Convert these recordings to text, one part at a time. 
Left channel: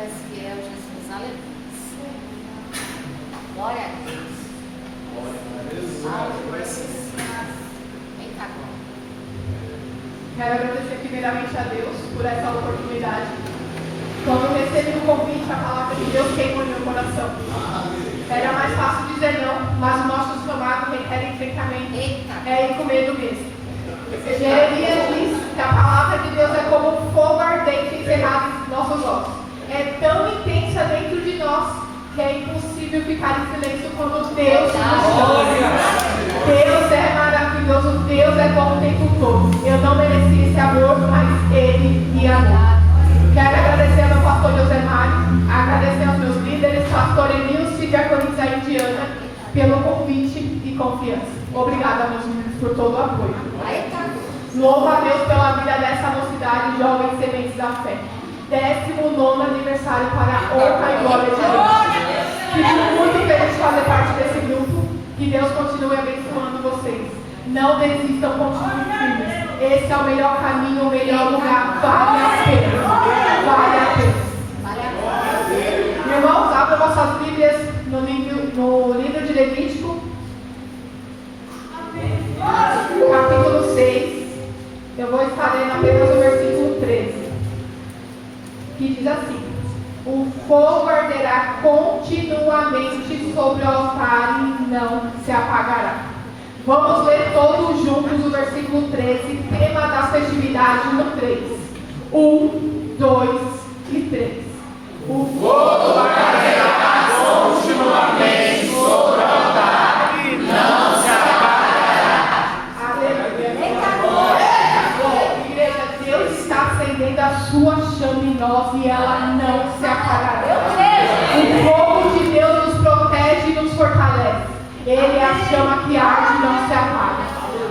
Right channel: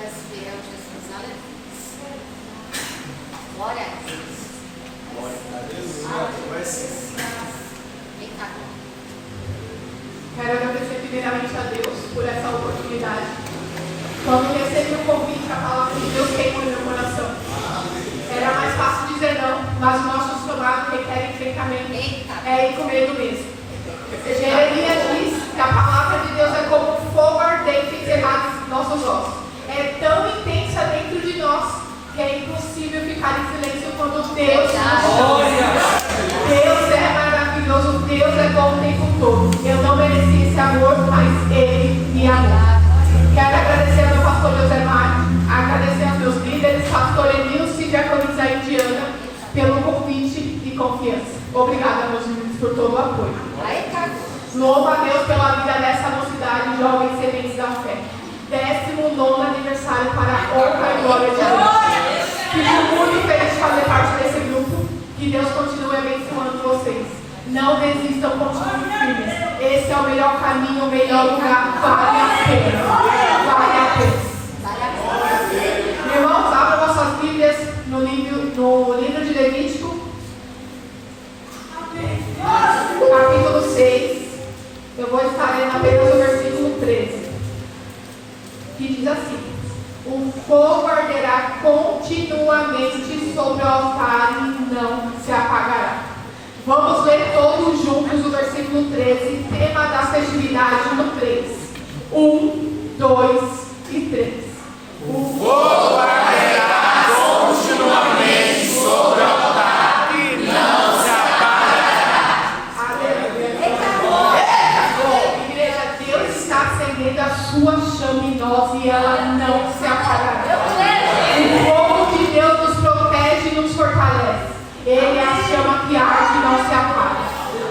és fiel, Jesus. Aleluia. Glória a Deus. Glória a Deus. Eita, glória. Quero agradecer primeiramente a Deus por essa oportunidade. Quando recebi o convite, a palavra de Deus queimou no meu coração. Era mais fácil dizer não, mas o nosso chamado requer enfrentamento. É ir com medo mesmo. Jeremias diz que a palavra de Deus é como um fogo ardente encerrado em nossos ossos. É tão intensa dentro de nós que é impossível ficar em silêncio quando Deus nos chama. Deus é maravilhoso, Deus é bom o tempo todo. Eu não mereci esse amor, mas Ele me amou. Quero agradecer ao meu pastor José Mário, agradecer aos meus líderes, pastor Emilce e diaconisa Indiana, pelo convite e confiança. Obrigada, meus meninos, por todo o apoio. Louvo a Deus pela vida dessa mocidade, jovens sementes da fé. 19º aniversário para a honra e glória de Deus. Fico muito feliz de fazer parte desse grupo. Que Deus continue abençoando vocês. Não desistam, continuem firmes. Esse é o melhor caminho, o melhor lugar. Vale a pena. Vale a pena. Irmãos, abram vossas Bíblias no livro de Levítico, capítulo 6. Eu vou estar lendo apenas o versículo 13. Que diz assim: o fogo arderá continuamente sobre o altar e não se apagará. Vamos ler todos juntos o versículo 13, tema das festividades no 3. 1, 2 e 3. O fogo arderá continuamente sobre o altar e não se apagará. Aleluia. Igreja, Deus está acendendo a sua chama em nós e ela não se apagará. O fogo de Deus nos protege e nos fortalece. Ele é a chama que arde e não se apaga.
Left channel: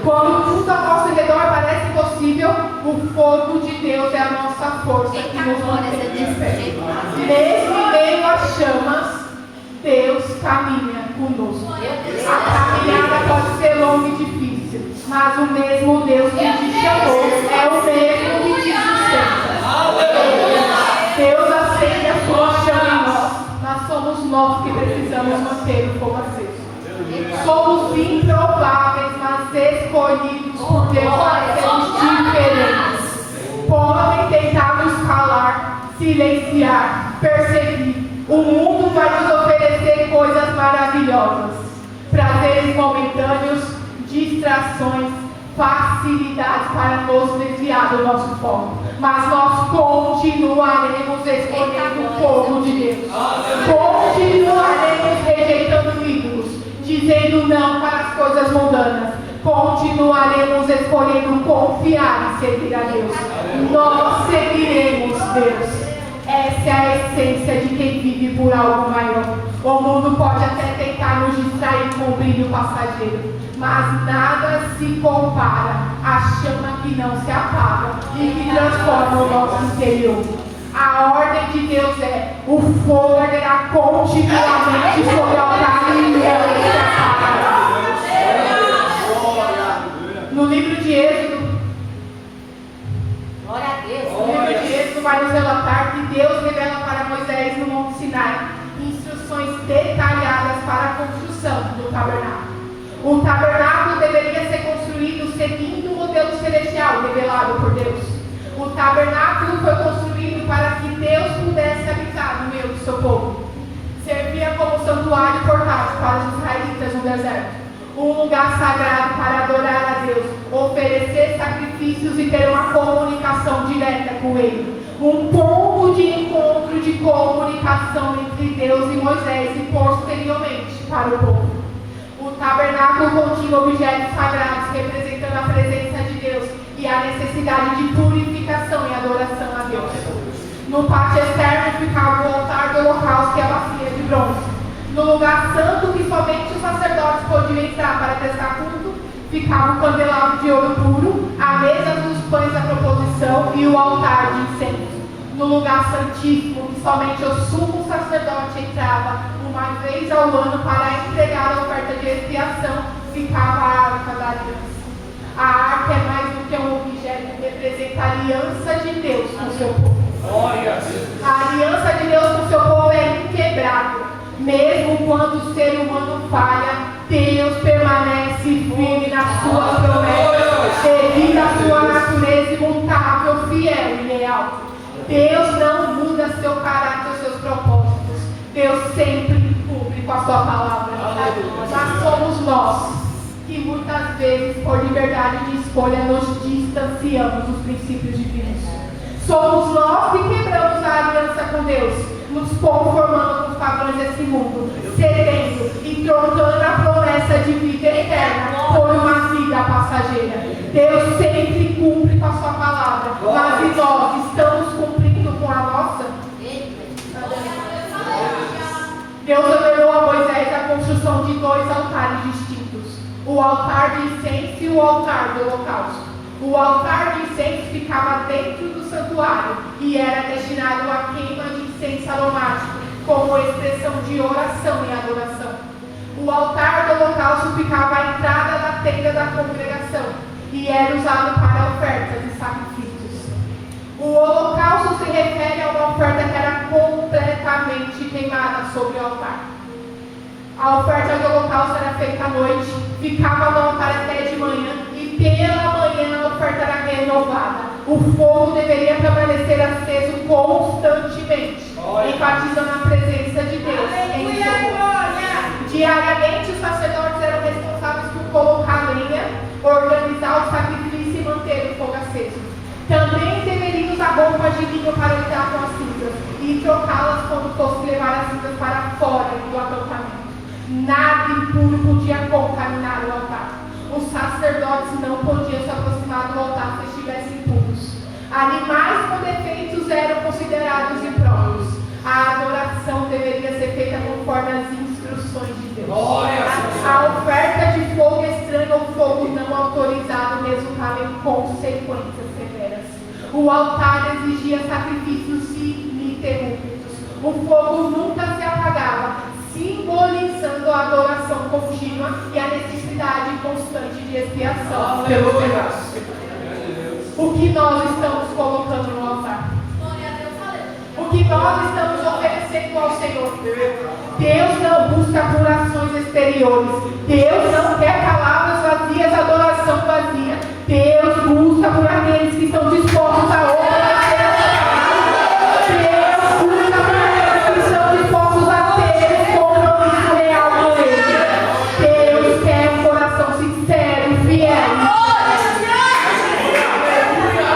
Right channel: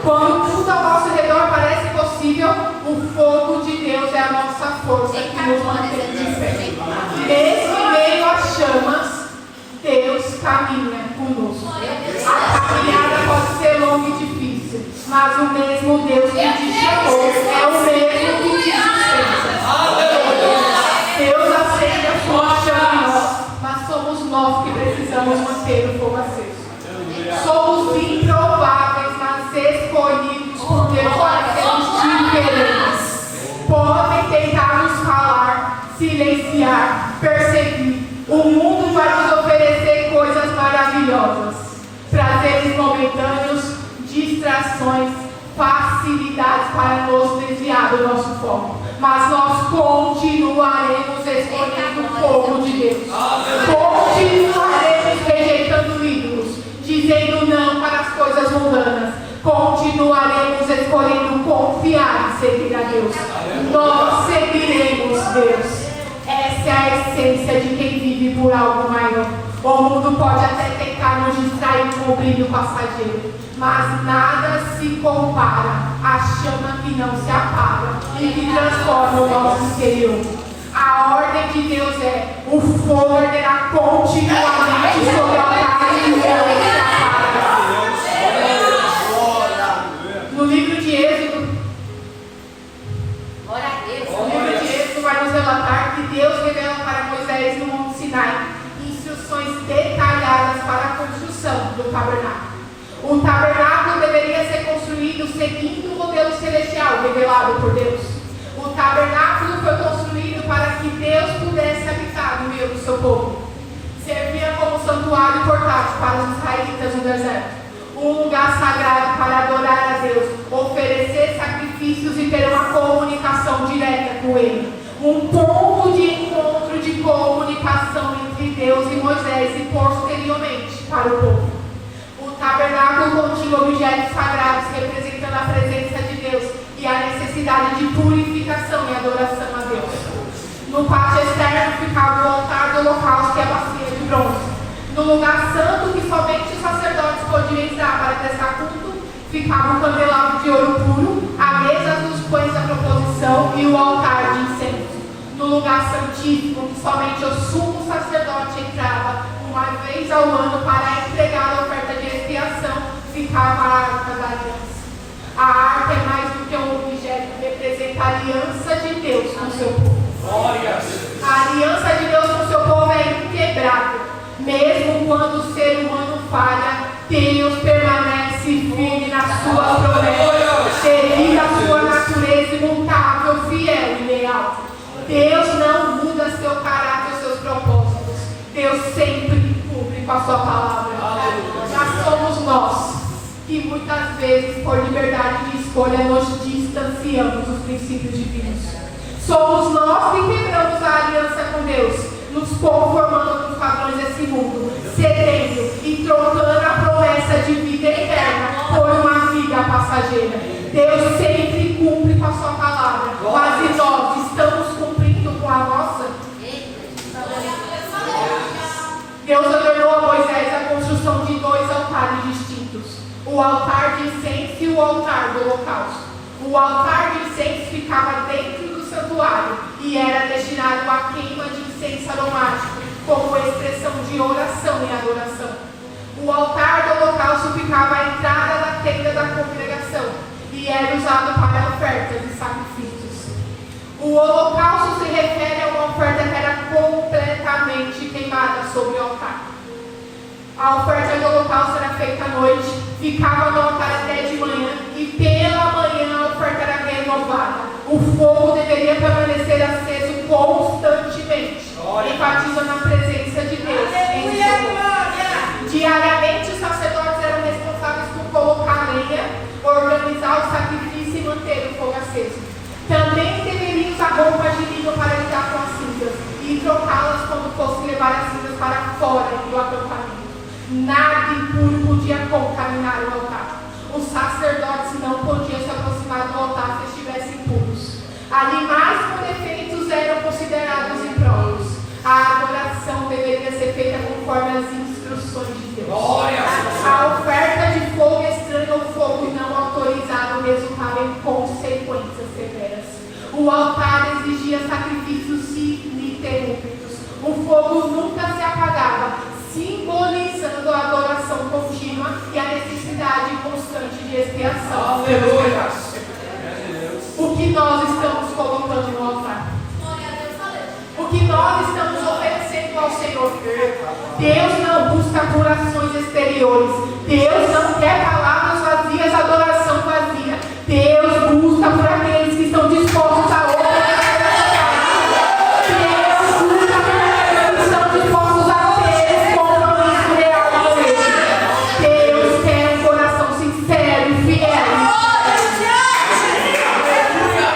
Quando tudo ao nosso redor parece impossível, o fogo de Deus é a nossa força que nos mantém de pé. Mesmo em meio às chamas, Deus caminha conosco. A caminhada pode ser longa e difícil, mas o mesmo Deus que te chamou é o mesmo que te sustenta. Deus acende a sua chama em nós, mas somos nós que precisamos manter o fogo aceso. Somos improváveis, mas escolhidos por Deus para sermos diferentes. Podem tentar nos calar, silenciar, perseguir. O mundo vai nos oferecer coisas maravilhosas, prazeres momentâneos, distrações, facilidades para nos desviar do nosso foco. Mas nós continuaremos escolhendo o fogo de Deus. Continuaremos rejeitando ídolos, dizendo não para as coisas mundanas. Continuaremos escolhendo confiar e seguir a Deus. Nós seguiremos Deus. Essa é a essência de quem vive por algo maior. O mundo pode até tentar nos distrair com o brilho passageiro, mas nada se compara à chama que não se apaga e que transforma o nosso interior. A ordem de Deus é: o fogo arderá continuamente sobre o altar e não se apaga. No livro de Êxodo, Glória a Deus. o livro de Êxodo vai nos relatar que Deus revela para Moisés no Monte Sinai instruções detalhadas para a construção do tabernáculo. O tabernáculo deveria ser construído seguindo o modelo celestial revelado por Deus. O tabernáculo foi construído para que Deus pudesse habitar no meio do seu povo. Servia como santuário portátil para os israelitas no deserto. Um lugar sagrado para adorar a Deus, oferecer sacrifícios e ter uma comunicação direta com Ele. Um ponto de encontro de comunicação entre Deus e Moisés e posteriormente para o povo. O tabernáculo continha objetos sagrados representando a presença de Deus e a necessidade de purificação e adoração a Deus. No pátio externo ficava o altar do holocausto e a bacia de bronze. No lugar santo, que somente os sacerdotes podiam entrar para prestar culto, ficava o candelabro de ouro puro, a mesa dos pães da proposição e o altar de incenso. No lugar santíssimo, que somente o sumo sacerdote entrava uma vez ao ano para entregar a oferta de expiação, ficava a arca da aliança. A arca é mais do que um objeto, representa a aliança de Deus com o seu povo. A aliança de Deus Mesmo quando o ser humano falha, Deus permanece firme na sua promessa, devido à sua natureza imutável, fiel e leal. Deus não muda seu caráter e seus propósitos. Deus sempre cumpre com a sua palavra. Mas somos nós que muitas vezes, por liberdade de escolha, nos distanciamos dos princípios divinos. Somos nós que quebramos a aliança com Deus, nos conformando com os padrões desse mundo, cedendo e trocando a promessa de vida eterna por uma vida passageira. Deus sempre cumpre com a sua palavra, mas nós estamos cumprindo com a nossa? Deus ordenou a Moisés a construção de 2 altares distintos: o altar de incenso e o altar do holocausto. O altar de incenso ficava dentro do santuário e era destinado à queima de incenso aromático, como expressão de oração e adoração. O altar do holocausto ficava à entrada da tenda da congregação e era usado para ofertas e sacrifícios. O holocausto se refere a uma oferta que era completamente queimada sobre o altar. A oferta do holocausto era feita à noite, ficava no altar até de manhã e pela manhã a oferta era renovada. O fogo deveria permanecer aceso constantemente, enfatizando a presença de Deus em seu povo. Diariamente os sacerdotes eram responsáveis por colocar lenha, organizar o sacrifício e manter o fogo aceso. Também deveriam usar roupas de linho para lidar com as cinzas e trocá-las quando fosse levar as cinzas para fora do acampamento. Nada impuro podia contaminar o altar. Os sacerdotes não podiam se aproximar do altar se estivessem impuros. Animais com defeitos eram considerados impróprios. A adoração deveria ser feita conforme as instruções de Deus. A oferta de fogo estranho ou fogo não autorizado resultava em consequências severas. O altar exigia sacrifícios ininterruptos. O fogo nunca se apagava, simbolizando a adoração contínua e a necessidade constante de expiação. Aleluia! O que nós estamos colocando no altar? O que nós estamos oferecendo ao Senhor? Deus não busca curações exteriores. Deus não quer palavras vazias, adoração vazia. Deus busca por aqueles que estão dispostos a obedecer a sua palavra. Deus busca por aqueles que estão dispostos a ter compromisso real com Ele. Deus quer um coração sincero e fiel.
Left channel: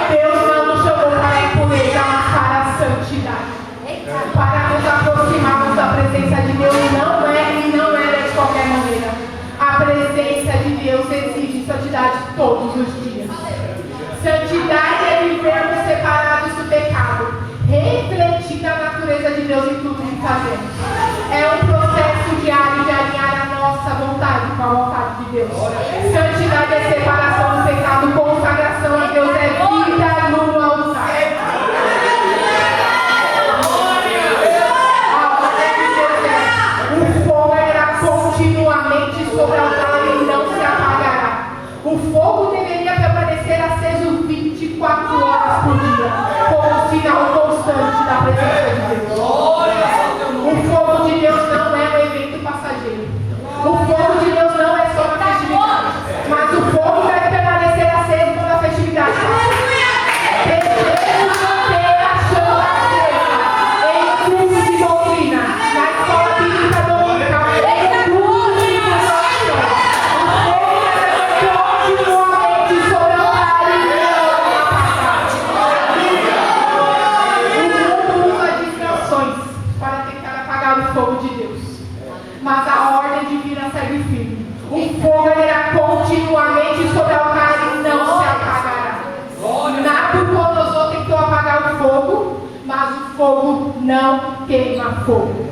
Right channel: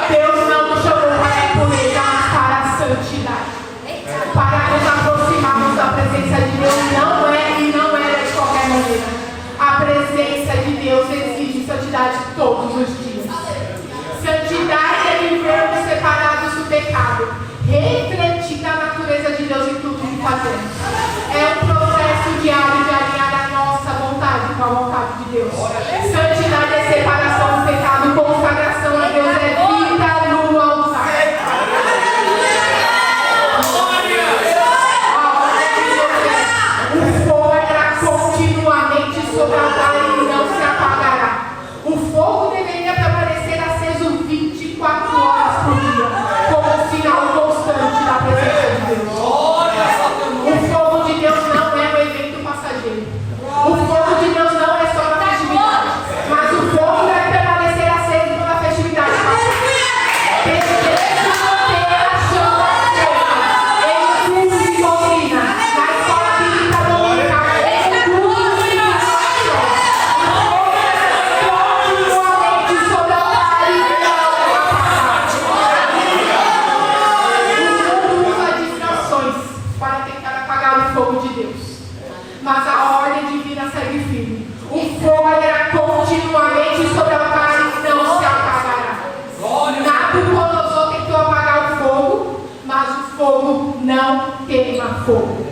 Deus não nos chamou para impunecer, mas para a santidade. Para nos aproximarmos da presença de Deus não era de qualquer maneira. A presença de Deus exige santidade todos os dias. Santidade é vivermos separados do pecado, refletindo a natureza de Deus em tudo que fazemos. É um processo diário de alinhar a nossa vontade com a vontade de Deus. Santidade é separação do pecado, consagração a Deus é vida no altar. O fogo era continuamente sobre o altar e não se apagará. O fogo deveria permanecer aceso 24 horas por dia, como um sinal constante da presença de Deus. O fogo de Deus não é um evento passageiro. O fogo de Deus não é só na festividade, mas o fogo deve permanecer aceso quando a festividade passar. Precisamos manter a chama acesa em culto de doutrina, na escola bíblica dominical, em tudo que nós fazemos. Continuamente sobre o altar e o mundo usa distrações para tentar apagar o fogo de Deus. Mas a ordem divina segue firme. O fogo irá continuamente sobre o altar e não se apagará. Nabucodonosor tentou apagar o fogo, mas o fogo não queima fogo.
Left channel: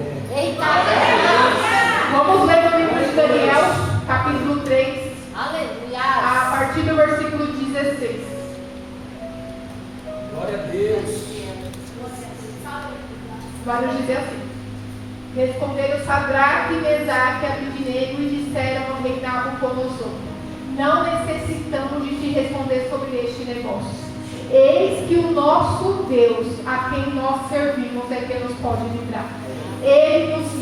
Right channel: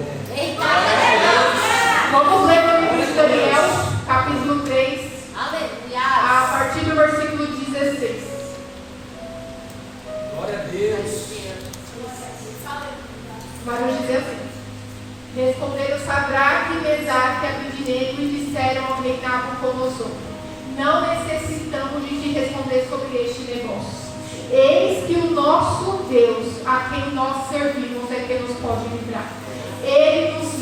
Vamos ler no livro de Daniel, capítulo 3, a partir do versículo 16. Glória a Deus. Vai nos dizer assim: responderam Sadraque, Mesaque e Abednego e disseram ao rei Nabucodonosor: não necessitamos de te responder sobre este negócio. Eis que o nosso Deus, a quem nós servimos, é quem nos pode livrar. Ele nos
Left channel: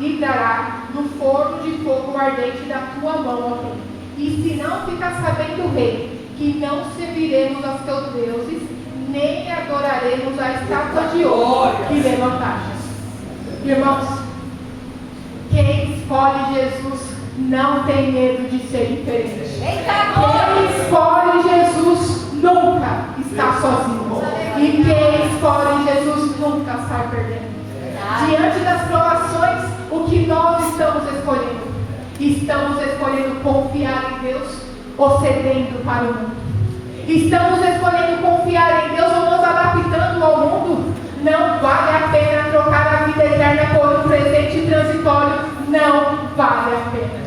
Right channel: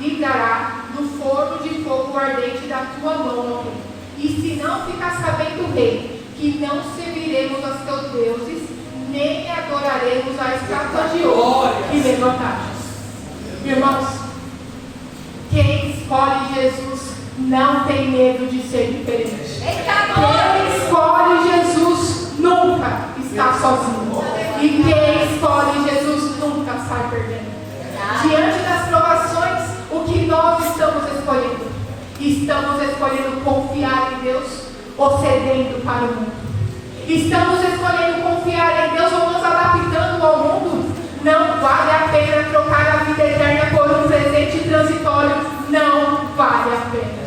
livrará do forno de fogo ardente da tua mão, ó rei. E se não ficar sabendo, rei, que não serviremos aos teus deuses, nem adoraremos a estátua de ouro que levantaste. Irmãos, quem escolhe Jesus não tem medo de ser diferente. Quem escolhe Jesus nunca está sozinho. E quem escolhe Jesus nunca sai perdendo. Diante das provações, o que nós estamos escolhendo? Estamos escolhendo confiar em Deus ou cedendo para o mundo? Estamos escolhendo confiar em Deus ou nos adaptando ao mundo? Não vale a pena trocar a vida eterna por um presente transitório. Não vale a pena.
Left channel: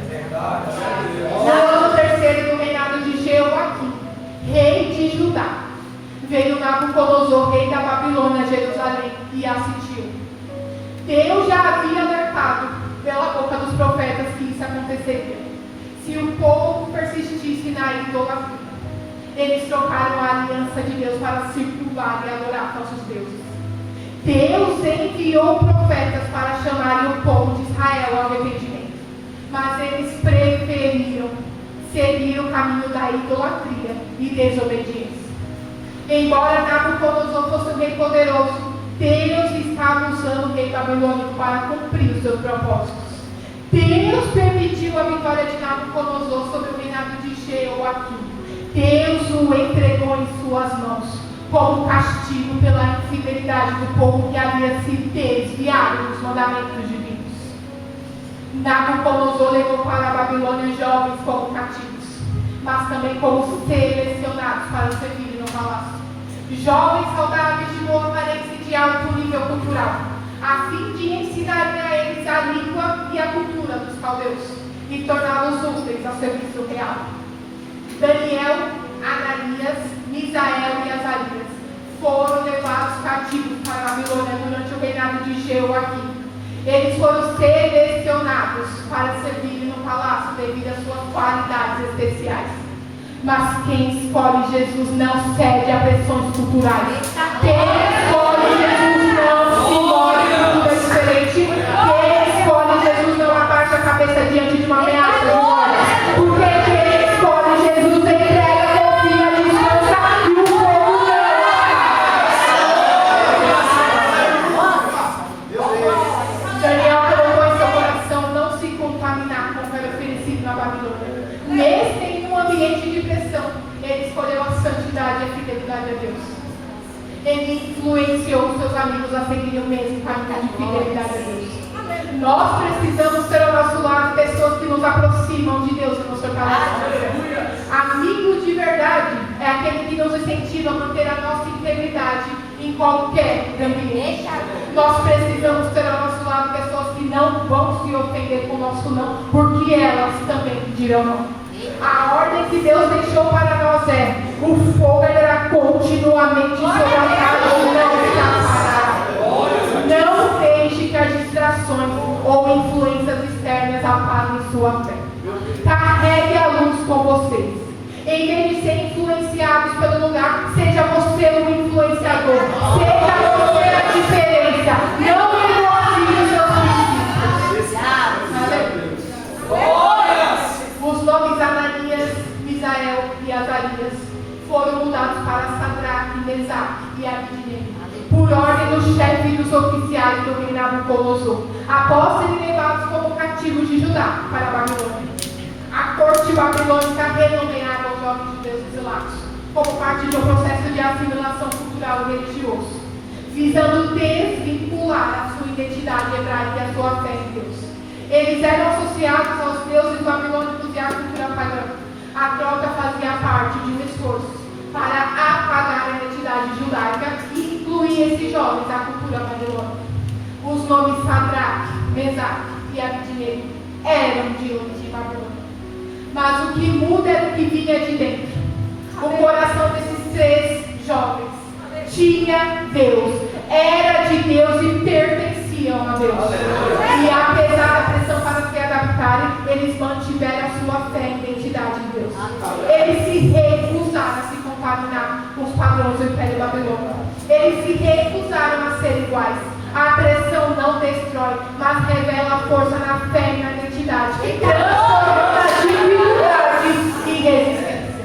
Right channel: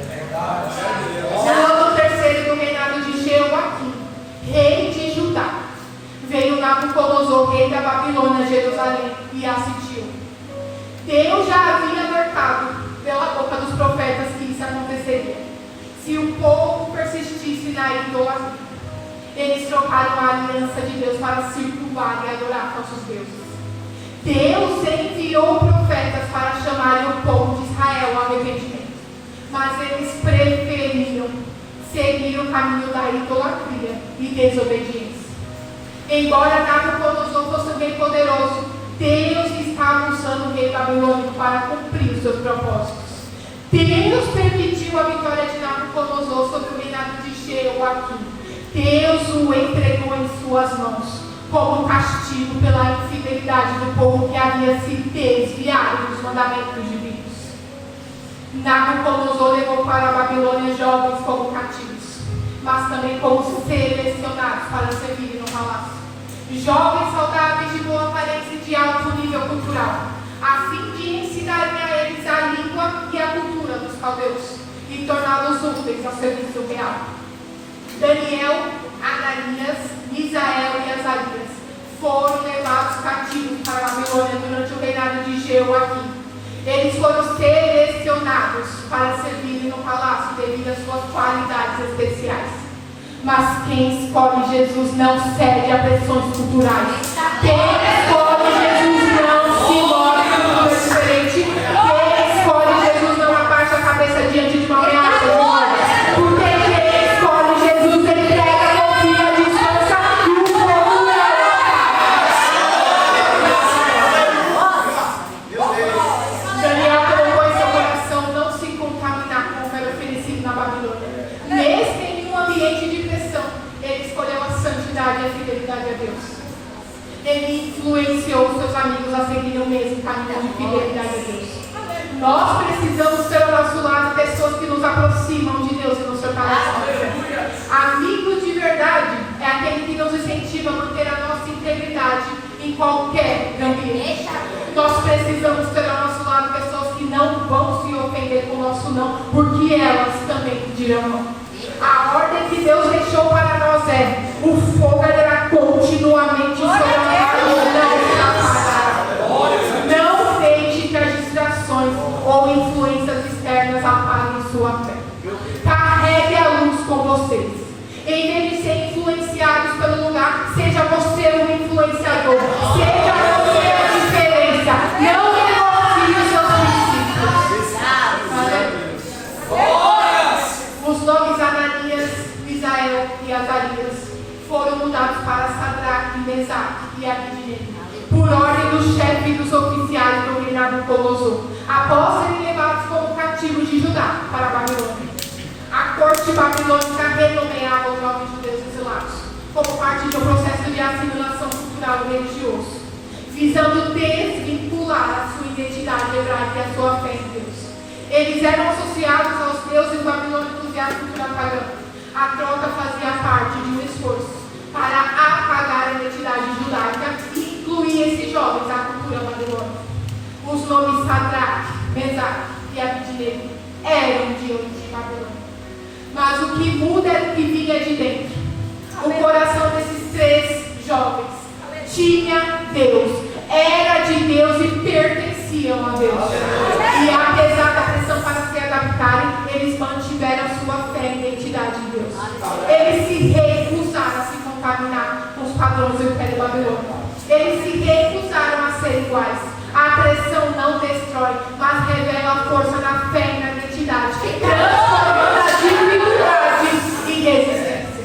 No ano terceiro do reinado de Jeoaquim, rei de Judá, veio Nabucodonosor, rei da Babilônia, Jerusalém, e assistiu. Deus já havia alertado pela boca dos profetas que isso aconteceria. Se o povo persistisse na idolatria, eles trocaram a aliança de Deus para circunvar e adorar falsos deuses. Deus enviou profetas para chamarem o povo de Israel ao arrependimento, mas eles preferiram seguir o caminho da idolatria e desobediência. Embora Nabucodonosor fosse um rei poderoso, Deus estava usando o rei babilônico para cumprir os seus propósitos. Deus permitiu a vitória de Nabucodonosor sobre o reinado de Jeoaquim. Deus o entregou em suas mãos como castigo pela infidelidade do povo que havia se desviado dos mandamentos divinos. Nabucodonosor levou para a Babilônia jovens como cativos, mas também como selecionados para servir no palácio. Jovens saudáveis de boa aparência e de alto nível cultural, a fim de ensinarem a eles a língua e a cultura dos caldeus e torná-los úteis ao serviço real. Daniel, Ananias, Misael e Azarias foram levados cativos para a Babilônia durante o reinado de Jeoaquim. Eles foram selecionados para servirem no palácio devido às suas qualidades especiais. Mas quem escolhe Jesus não cede a pressões culturais. Quem escolhe Jesus não se move em cultura diferente. Quem escolhe Jesus não abaixa a cabeça diante de uma ameaça. Porque quem escolhe Jesus entrega, confia, descansa e o povo Daniel colocou em seu coração não se contaminar com o que era oferecido na Babilônia. Mesmo em um ambiente de pressão, ele escolheu a santidade e a fidelidade a Deus. Ele influenciou seus amigos a seguirem o mesmo caminho de fidelidade a Deus. Nós precisamos ter ao nosso lado pessoas que nos aproximam de Deus e nos fortalecem. Amigos de verdade é aquele que nos incentiva a manter a nossa integridade em qualquer ambiente. Nós precisamos ter ao nosso lado pessoas que não vão se ofender com o nosso não, porque elas também dirão não. A ordem que Deus deixou para nós é: o fogo arderá continuamente sobre a casa, não está parado. Não deixe que as distrações ou influências externas apaguem sua fé. Carregue a luz com vocês. Em vez de ser influenciados pelo lugar, seja você o influenciador. Seja você a diferença. Não negocie os seus princípios. Os nomes Ananias, Misael e Azarias foram mudados para Sadraque, Mesaque e Abednego, por ordem do chefe dos oficiais do rei Nabucodonosor, após serem levados como cativos de Judá para a Babilônia. A corte babilônica renomeava os nomes de Deus exilados, como parte de um processo de assimilação cultural e religioso, visando desvincular a sua identidade hebraica e a sua fé em Deus. Eles eram associados aos deuses babilônicos e à cultura pagã. A troca fazia parte de um esforço para apagar a identidade judaica e incluir esses jovens à cultura babilônica. Os nomes Sadraque, Mesaque e Abednego eram de origem babilônica. Mas o que muda era o que vinha de dentro. O coração desses três jovens tinha Deus, era de Deus e pertenciam a Deus. E apesar da pressão para se adaptarem, eles mantiveram a sua fé e identidade em Deus. Eles se recusaram a se contaminar com os padrões Império Babilônico. Eles se recusaram a ser iguais. A pressão não destrói, mas revela a força na fé e na identidade, que transforma a dificuldade em resistência.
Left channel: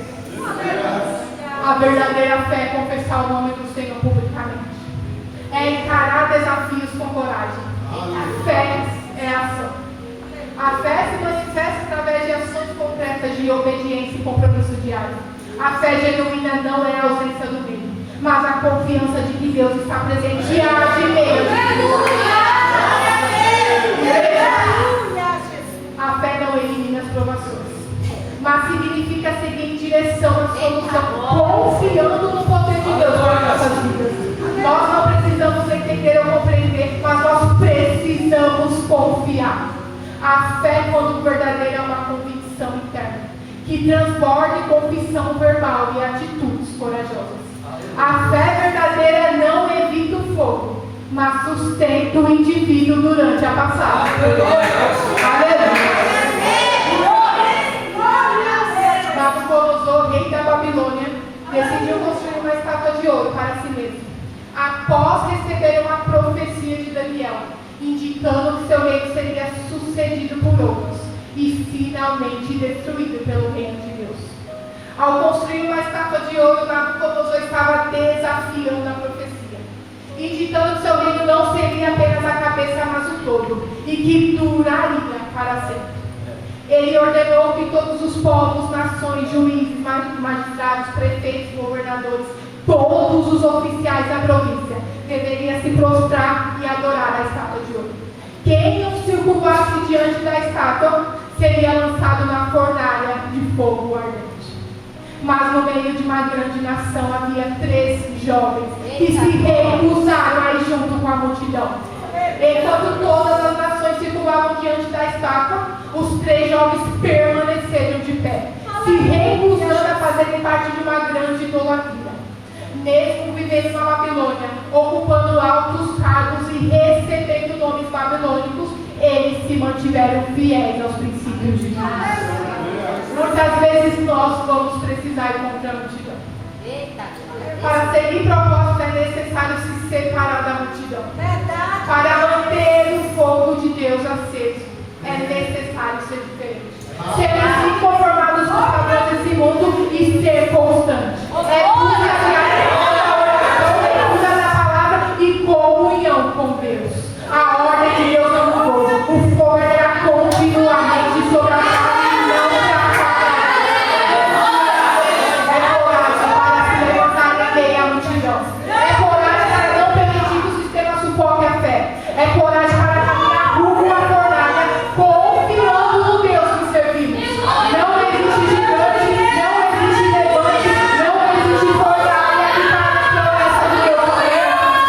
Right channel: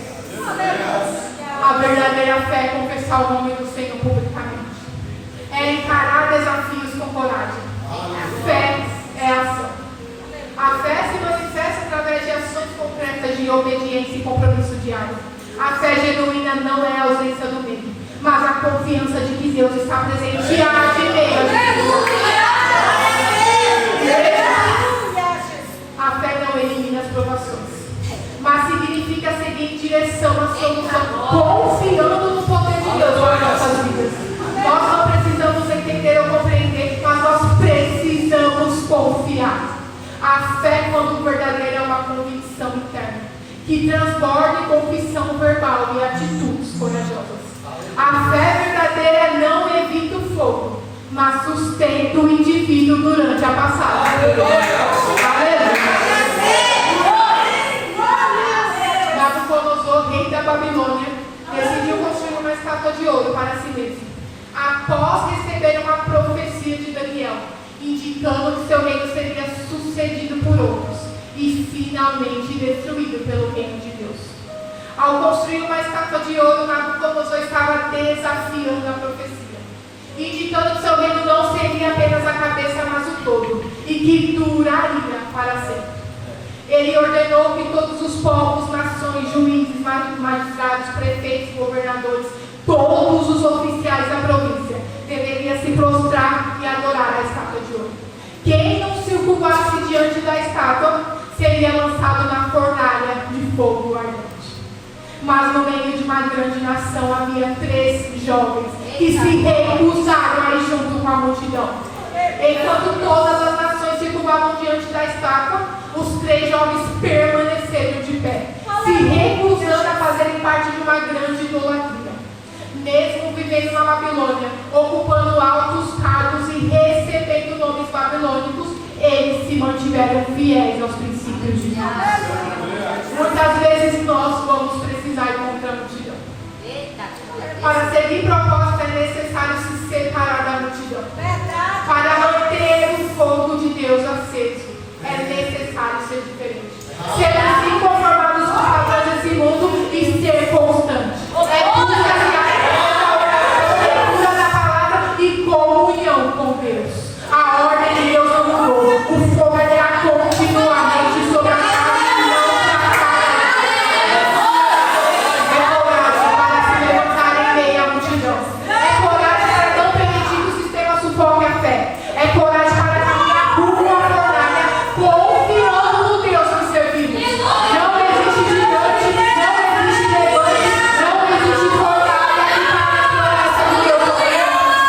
A verdadeira fé é confessar o nome do Senhor publicamente. É encarar desafios com coragem. A fé é ação. A fé se manifesta através de ações concretas de obediência e compromisso diário. A fé genuína não é a ausência do medo, mas a confiança de que Deus está presente diante de meio. A fé não elimina as provações, mas significa seguir em direção à solução, confiando no poder de Deus para nossas vidas. Nós não precisamos entender ou compreender, mas nós precisamos confiar. A fé, quando verdadeira, é uma convicção interna, que transborda em confissão verbal e atitudes corajosas. A fé verdadeira não evita o fogo, mas sustenta o indivíduo durante a passagem. Aleluia! Nabucodonosor, rei da Babilônia, decidiu construir uma estátua de ouro para si mesmo, após receber uma profecia de Daniel, indicando que seu reino seria sucedido por outros e finalmente destruído pelo reino de Deus. Ao construir uma estátua de ouro, Nabucodonosor estava desafiando a profecia, indicando que seu reino não seria apenas a cabeça, mas o todo, e que duraria para sempre. Ele ordenou que todos os povos, nações, juízes, magistrados, prefeitos, governadores, todos os oficiais da província deveriam se prostrar e adorar a estátua de ouro. Quem não se curvasse diante da estátua seria lançado na fornalha de fogo ardente. Mas no meio de uma grande nação havia 3 jovens que se recusaram a ir junto com a multidão. Enquanto todas as nações se curvavam diante da estátua, os 3 jovens permaneceram de pé, se recusando a fazerem parte de uma grande idolatria. Mesmo vivendo na Babilônia, ocupando altos cargos e recebendo nomes babilônicos, eles se mantiveram fiéis aos princípios de Deus. Muitas vezes nós vamos precisar ir contra a multidão. Para seguir propósito é necessário se separar da multidão. Para manter o fogo de Deus aceso, é necessário ser diferente. Ser inconformados com os padrões desse mundo e ser constante. É leitura da palavra e comunhão com Deus. A ordem de Deus não mudou. O fogo é continuamente sobre a casa e não para É coragem para se levantar em meio à multidão. É coragem para não permitir que o sistema sufoque a fé. É coragem para caminhar rumo à fornalha, confiando no Deus que servimos. Não existe gigante, não existe levante, não existe fornalha que para a promessa de Deus. A fornalha não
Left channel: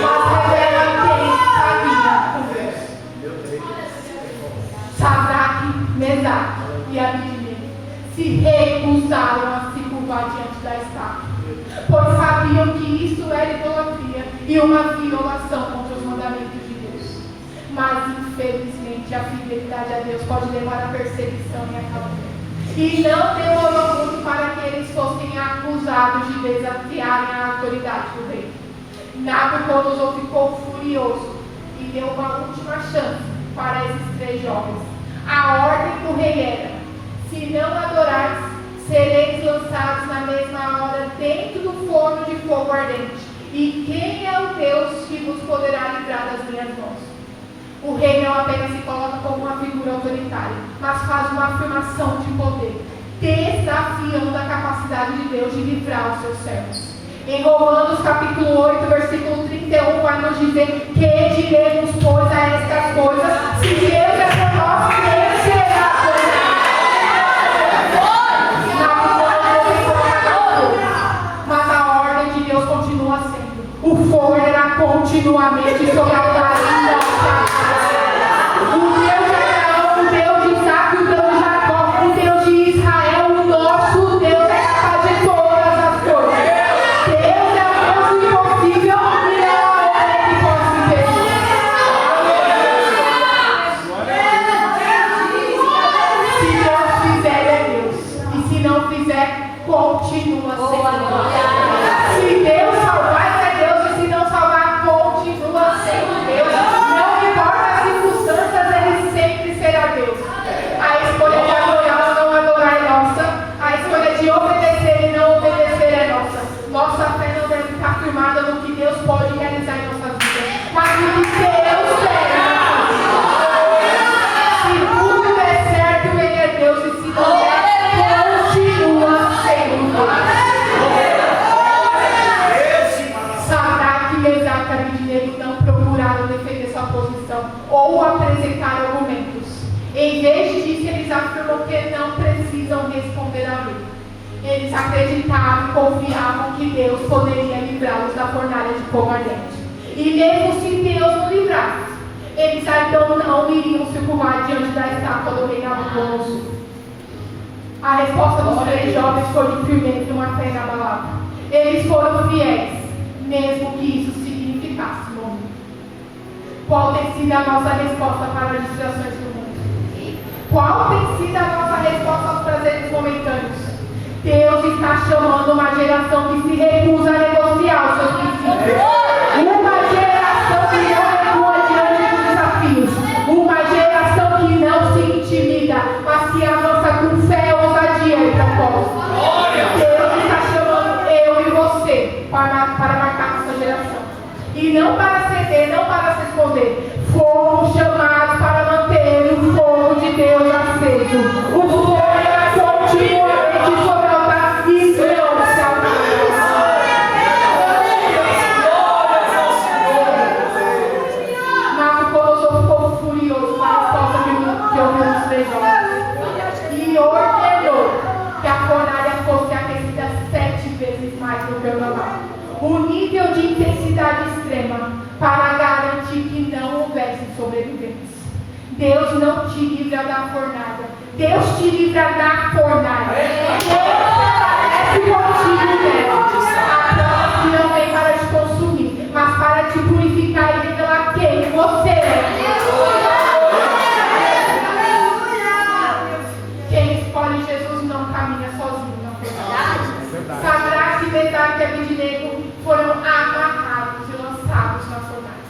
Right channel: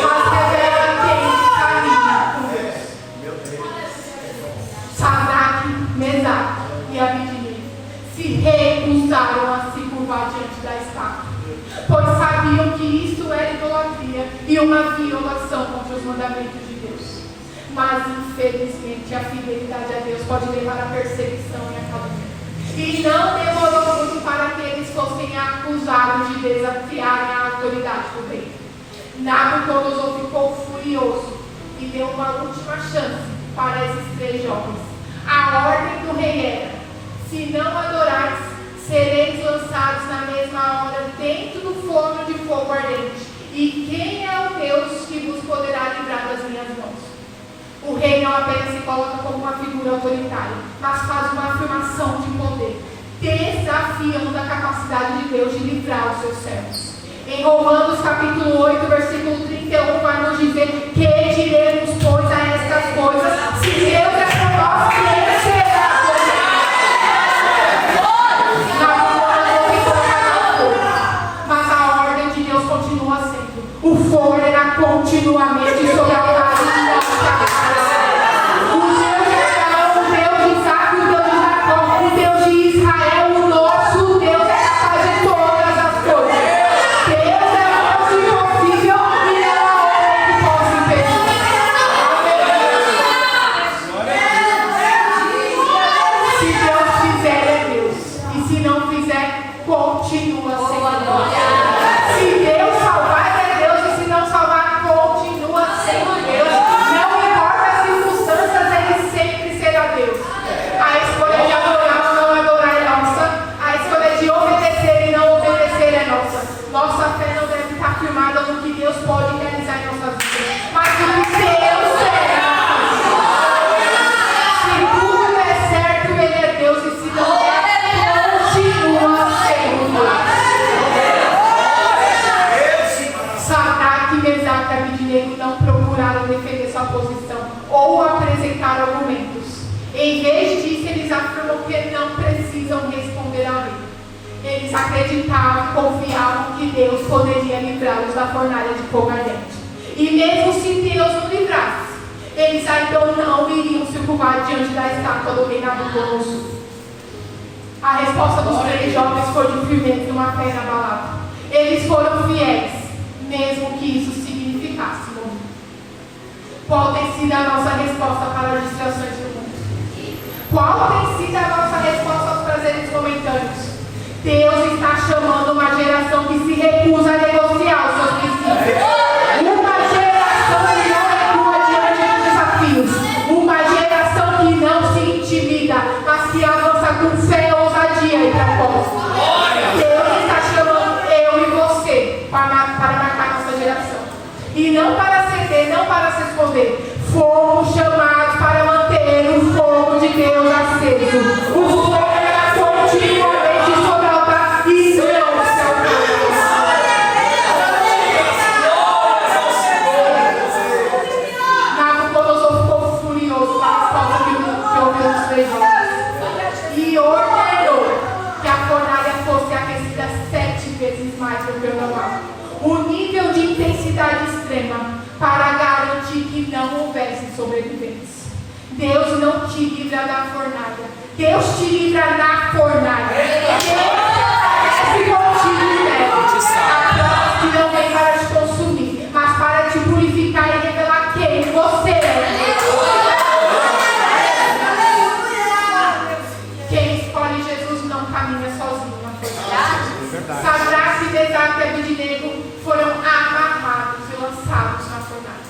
mas revela quem caminha com Deus. Sadraque, Mesaque e Abednego se recusaram a se curvar diante da estátua, pois sabiam que isso era idolatria e uma violação contra os mandamentos de Deus. Mas, infelizmente, a fidelidade a Deus pode levar à perseguição e à calúnia. E não demorou muito para que eles fossem acusados de desafiarem a autoridade do rei. Nabucodonosor ficou furioso e deu uma última chance para esses 3 jovens. A ordem do rei era: se não adorais, sereis lançados na mesma hora dentro do forno de fogo ardente. E quem é o Deus que vos poderá livrar das minhas mãos? O rei não apenas se coloca como uma figura autoritária, mas faz uma afirmação de poder, desafiando a capacidade de Deus de livrar os seus servos. Em Romanos capítulo 8, versículo 31, vai nos dizer: que diremos, pois, a estas coisas? Se Deus é por nós, quem será contra nós? Mas a ordem de Deus continua sendo: o fogo irá continuamente sobre a casa de nossa casa. O Deus de Abraão, o Deus de Isaac, o Deus de Jacó, o Deus de Israel, o nosso Deus é capaz de todas as coisas. Deus é o impossível e não há homem que possa impedir. Eles acreditavam e confiavam que Deus poderia livrá-los da fornalha de fogo ardente. E mesmo se Deus não livrasse, eles então não iriam se curvar diante da estátua do rei Nabucodonosor. A resposta dos 3 jovens foi de firmeza e uma fé inabalável. Eles foram fiéis, mesmo que isso significasse morrer. Qual tem sido a nossa resposta para as distrações do mundo? Qual tem sido a nossa resposta aos prazeres momentâneos? Deus está chamando uma geração que se recusa a negociar os seus princípios. Uma geração que não recua diante dos desafios. Uma geração que não se intimida, mas que avança com fé, ousadia e propósito. Deus está chamando eu e você para marcar nossa geração. E não para ceder, não para se esconder. Fomos chamados para manter o fogo de Deus aceso. O fogo é continuamente sobre o altar e não se apagar. Nabucodonosor ficou furioso com a resposta que ouviu nos 3 jovens e ordenou que a fornalha fosse aquecida 7 vezes mais do que o normal. Um nível de intensidade extrema para garantir que não houvesse sobreviventes. Deus não te livra da fornalha. Deus te livra da fornalha. Deus contigo nela. A prova que não vem para te consumir, mas para te purificar e revelar quem você é. Quem escolhe Jesus não caminha sozinho na fornalha. Sadraque, Mesaque e Abednego foram amarrados e lançados na fornalha.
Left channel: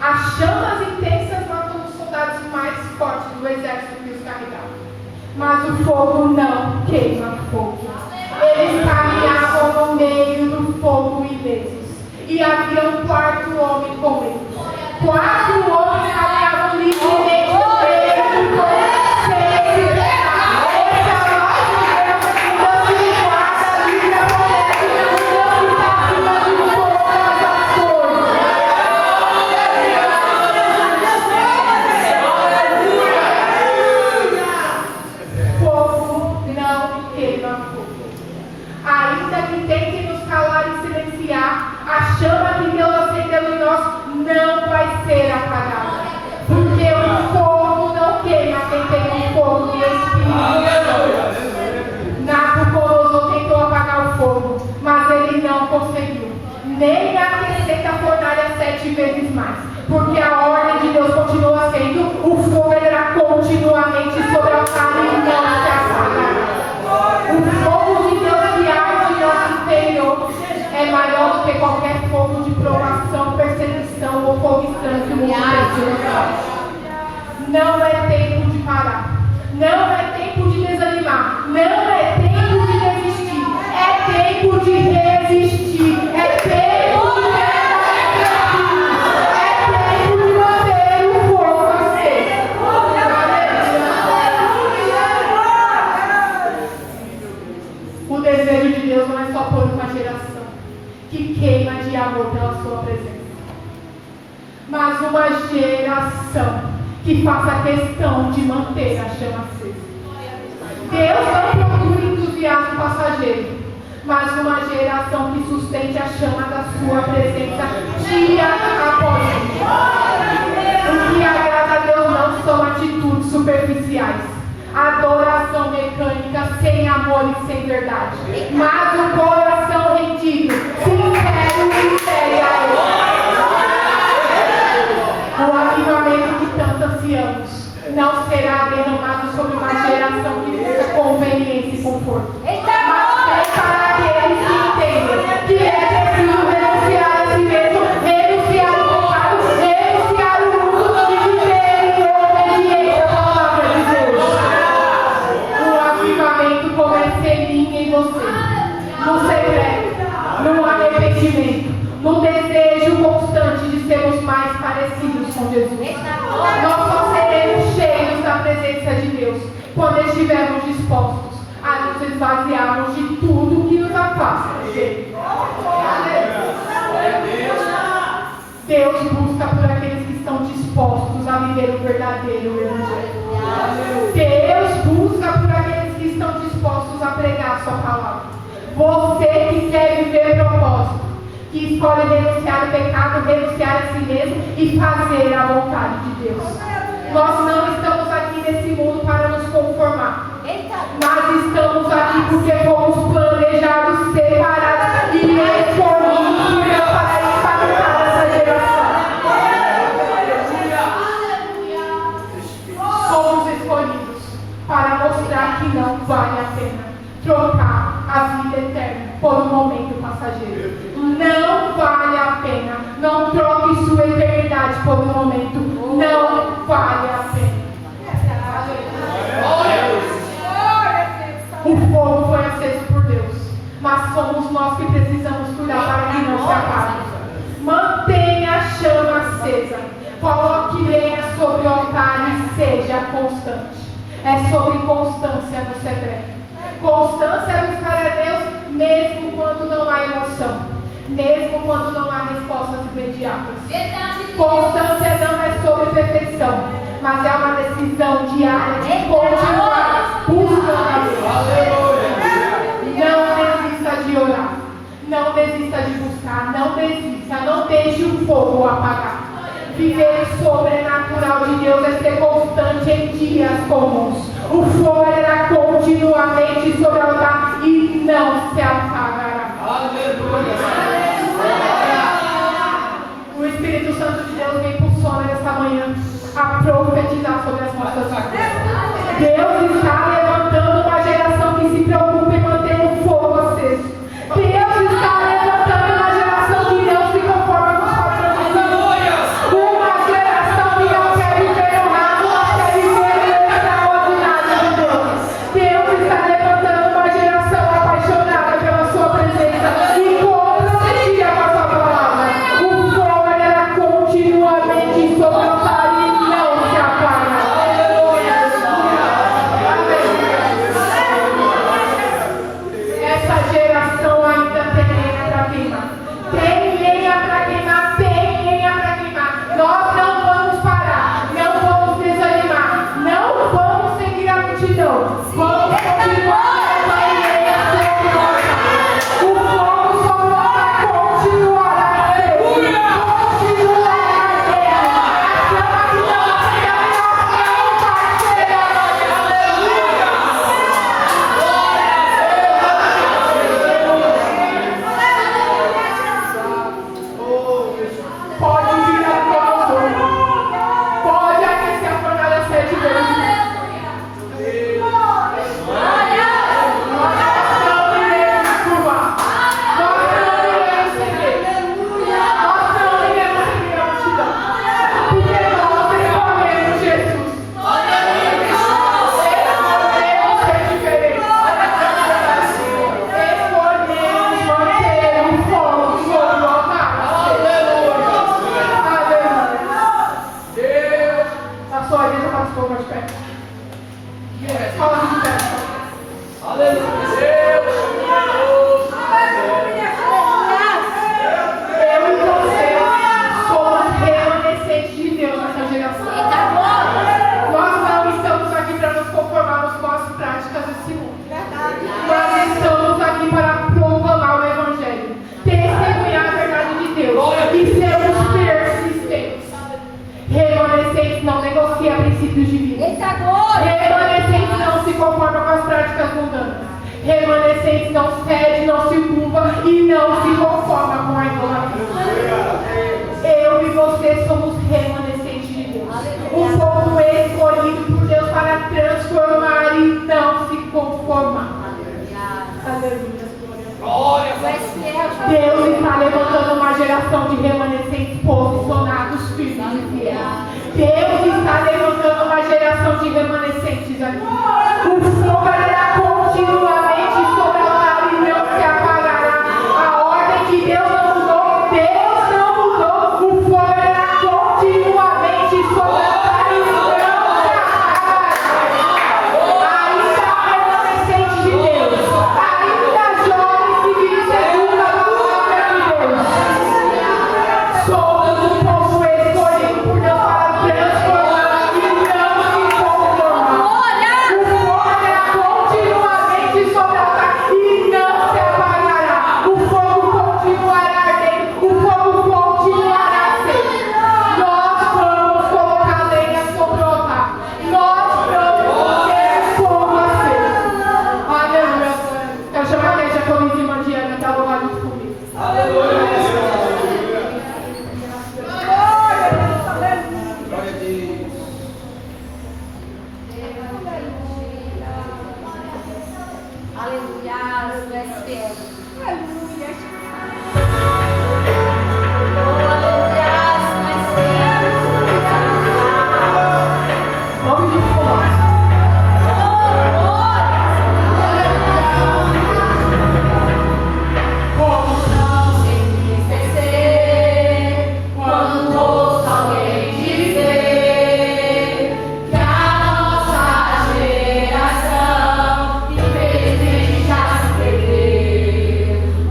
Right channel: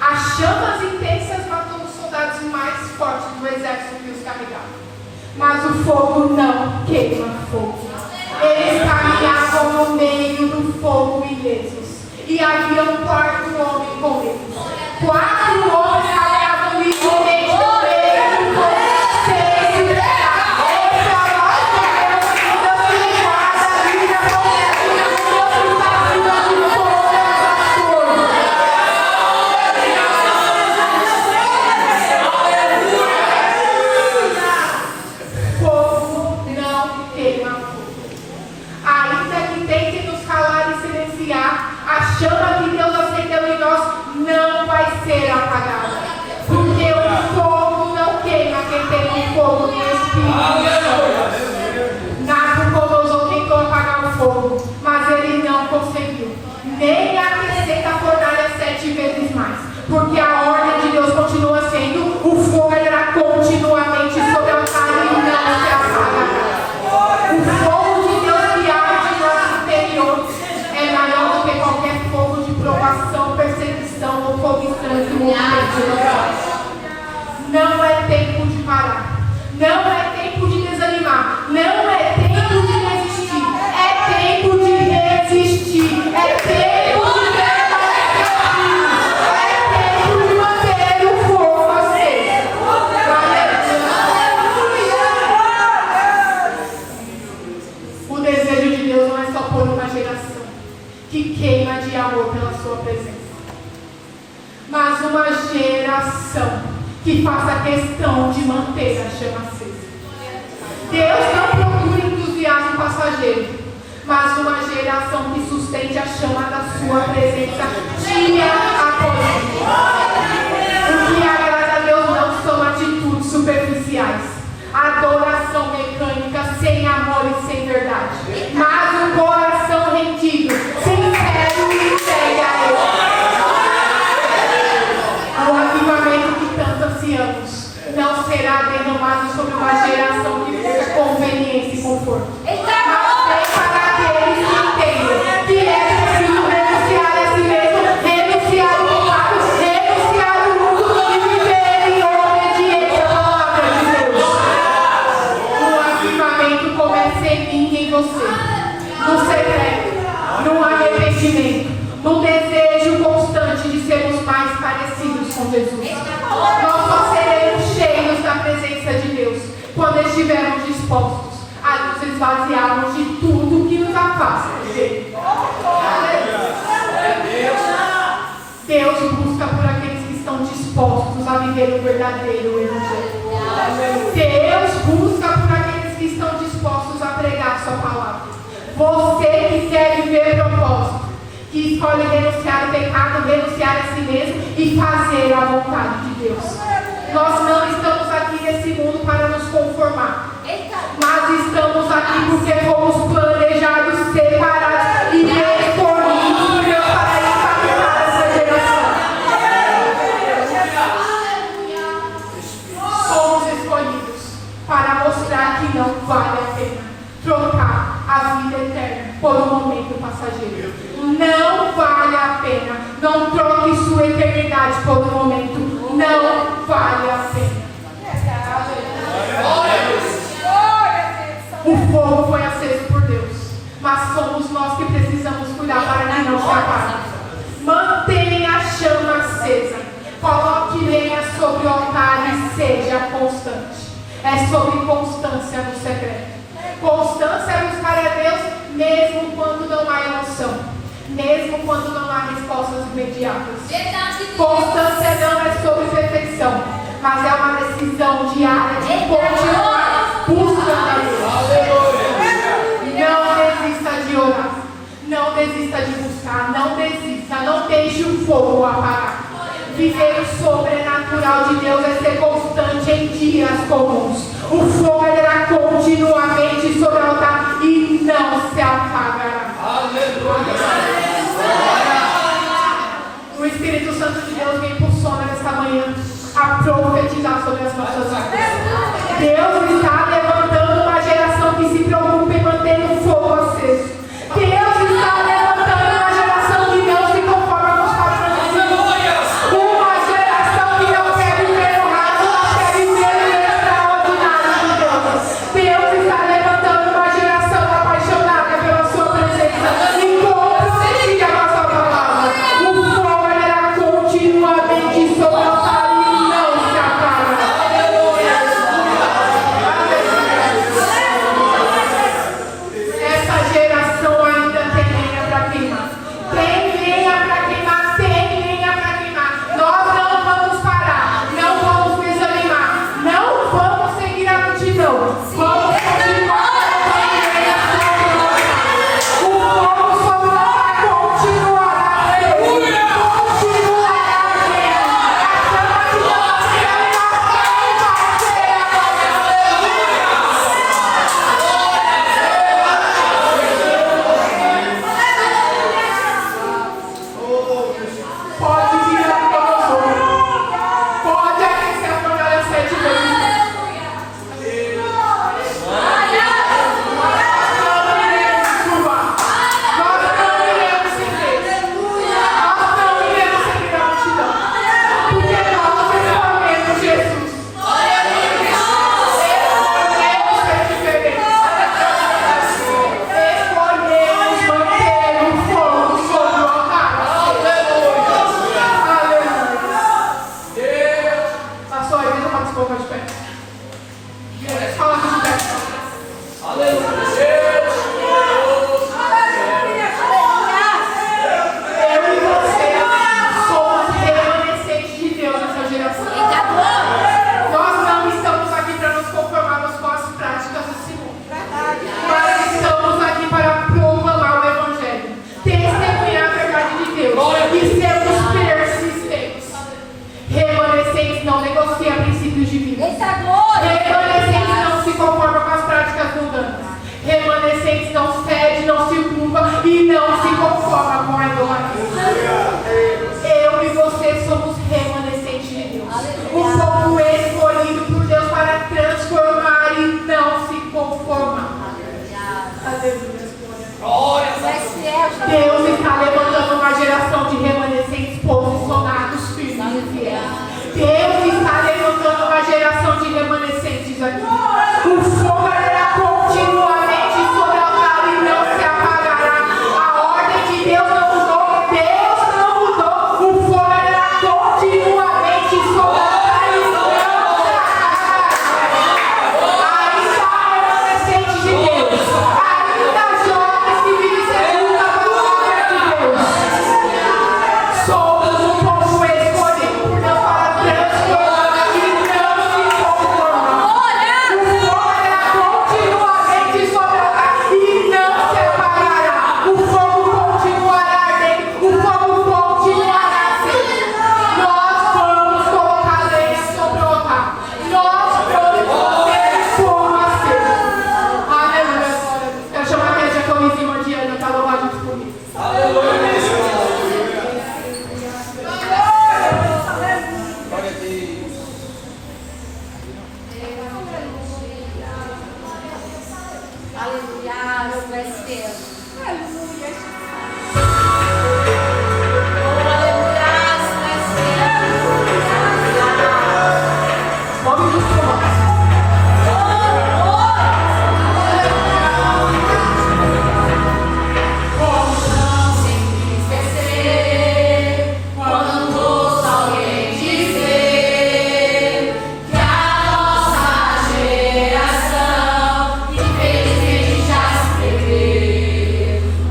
As chamas intensas matou os soldados mais fortes do exército que os carregavam. Mas o fogo não queima fogo. Eles caminhavam no meio do fogo ilesos. E havia um 4º homem com eles. 4 homens caminhavam livremente no meio do fogo. A chama que Deus acendeu em nós não vai ser apagada. Porque o fogo não queima quem tem um fogo de Espírito. Nabucodonosor tentou apagar o fogo, mas ele não conseguiu. Nem aquecer a fornalha 7 vezes mais. Porque a ordem de Deus continua sendo: o fogo irá continuamente sobre o altar e não se apagará. O fogo de Deus que arde em nosso interior é maior do que qualquer fogo de provação, perseguição ou fogo estranho que o mundo tem. Não é tempo de parar. Não é tempo de desanimar. Não é tempo de desistir. É tempo de resistir. É tempo de permanecer. É tempo de manter o fogo aceso. O desejo de Deus não é só por uma geração que queima de amor pela sua presença, mas uma geração que faça questão de manter a chama acesa. Deus não procura entusiasmo passageiro, mas uma geração que sustente a chama da sua presença dia após dia. O que agrada a Deus não são atitudes superficiais, adoração mecânica sem amor e sem verdade, mas um coração rendido, sincero e entregue a Deus. O avivamento que tanto ansiamos não será derramado sobre uma geração que busca conveniência e conforto, mas para aqueles que entendem que é preciso renunciar a si mesmo, renunciar ao pecado, renunciar o mundo e viver em obediência à palavra de Deus. O avivamento começa em mim e em você, no secreto, no arrependimento, no desejo constante de sermos mais parecidos com Jesus. Nós só seremos cheios da presença de Deus quando estivermos dispostos a nos esvaziarmos de tudo que nos afasta dele. Deus busca por aqueles que estão dispostos a viver o verdadeiro evangelho. Deus busca por aqueles que estão dispostos a pregar a sua palavra. Você que quer viver propósito, que escolhe renunciar o pecado, renunciar a si mesmo e fazer a vontade de Deus. Nós não estamos aqui nesse mundo para nos conformar, mas estamos aqui porque fomos planejados, separados e escolhidos para impactar essa geração. Somos escolhidos para mostrar que não vale a pena trocar a vida eterna por um momento passageiro. Não vale a pena. Não troque sua eternidade por um momento. Não vale a pena. O fogo foi aceso por Deus, mas somos nós que precisamos cuidar para que não se apague. Mantenha a chama acesa. Coloque lenha sobre o altar e seja constante. É sobre constância no secreto. Constância é buscar a Deus mesmo quando não há emoção, mesmo quando não há respostas imediatas. Constância não é sobre perfeição, mas é uma decisão diária de continuar buscando a Deus. Não desista de orar, não desista de buscar, não desista, não deixe o fogo apagar. Viver o sobrenatural de Deus é ser constante em dias comuns. O fogo irá continuamente sobre o altar e não se apagará. O Espírito Santo de Deus me impulsiona nesta manhã a profetizar sobre as nossas vidas. Deus está levantando uma geração que se preocupa em manter o fogo aceso. Deus está levantando uma geração que não se conforma com os padrões. Uma geração que não quer viver o raro, quer viver o extraordinário de Deus. Deus está levantando uma geração apaixonada pela sua presença e comprometida com a sua palavra. O fogo irá continuamente sobre o altar e não se apaga. Essa geração ainda tem lenha para queimar. Tem lenha para queimar, tem lenha para queimar. Nós não vamos parar, não vamos desanimar, não vamos seguir a multidão. Vamos continuar levando lenha sobre o altar. O fogo sobre o altar continuará a arder. Continuará a arder. A chama de Deus pode vir a promoção. Pode aquecer a fornalha 7 vezes. Nós não iremos curvar. Nós não iremos seguir. Nós não iremos seguir a multidão. Porque nós escolhemos Jesus. Escolhemos ser diferentes. Escolhemos manter o fogo sobre o altar. Aleluia. Pastor, deixa eu falar esse povo mais de pé. Fala aqui de pé. Eu e você somos remanescentes de Deus nessa geração. Nós não estamos aqui para nos conformarmos com as práticas desse mundo. Mas estamos aqui para proclamar o Evangelho, testemunhar a verdade de Deus e sermos persistentes. Remanescentes não negociam princípios de vida. Remanescentes não se conformam com as práticas mundanas. Remanescentes não cede, não se curva e não se conforma com a idolatria. Eu e você somos remanescentes de Deus. Um povo escolhido por Deus para transformar e não se conformar. Aleluia. Deus está levantando uma geração de remanescentes posicionados, firmes e fiéis. Deus está levantando uma geração de remanescentes aqui. O fogo irá continuamente sobre o altar e não se apagará. A ordem de Deus não mudou. Deus não mudou. O fogo irá continuamente sobre o altar e não se apagará. Ainda há remanescentes de Deus. Ainda jovens que vivem segundo a palavra de Deus. Somos um povo escolhido por Deus para transformar e não se conformar. estou em cima de Ana, está louvado por isso. Aleluia. Glória a Deus. Aleluia, tu és fiel. Aleluia. Oh, aleluia, tu és fiel. Vamos descobrir.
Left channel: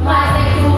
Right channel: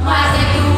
Mas é que o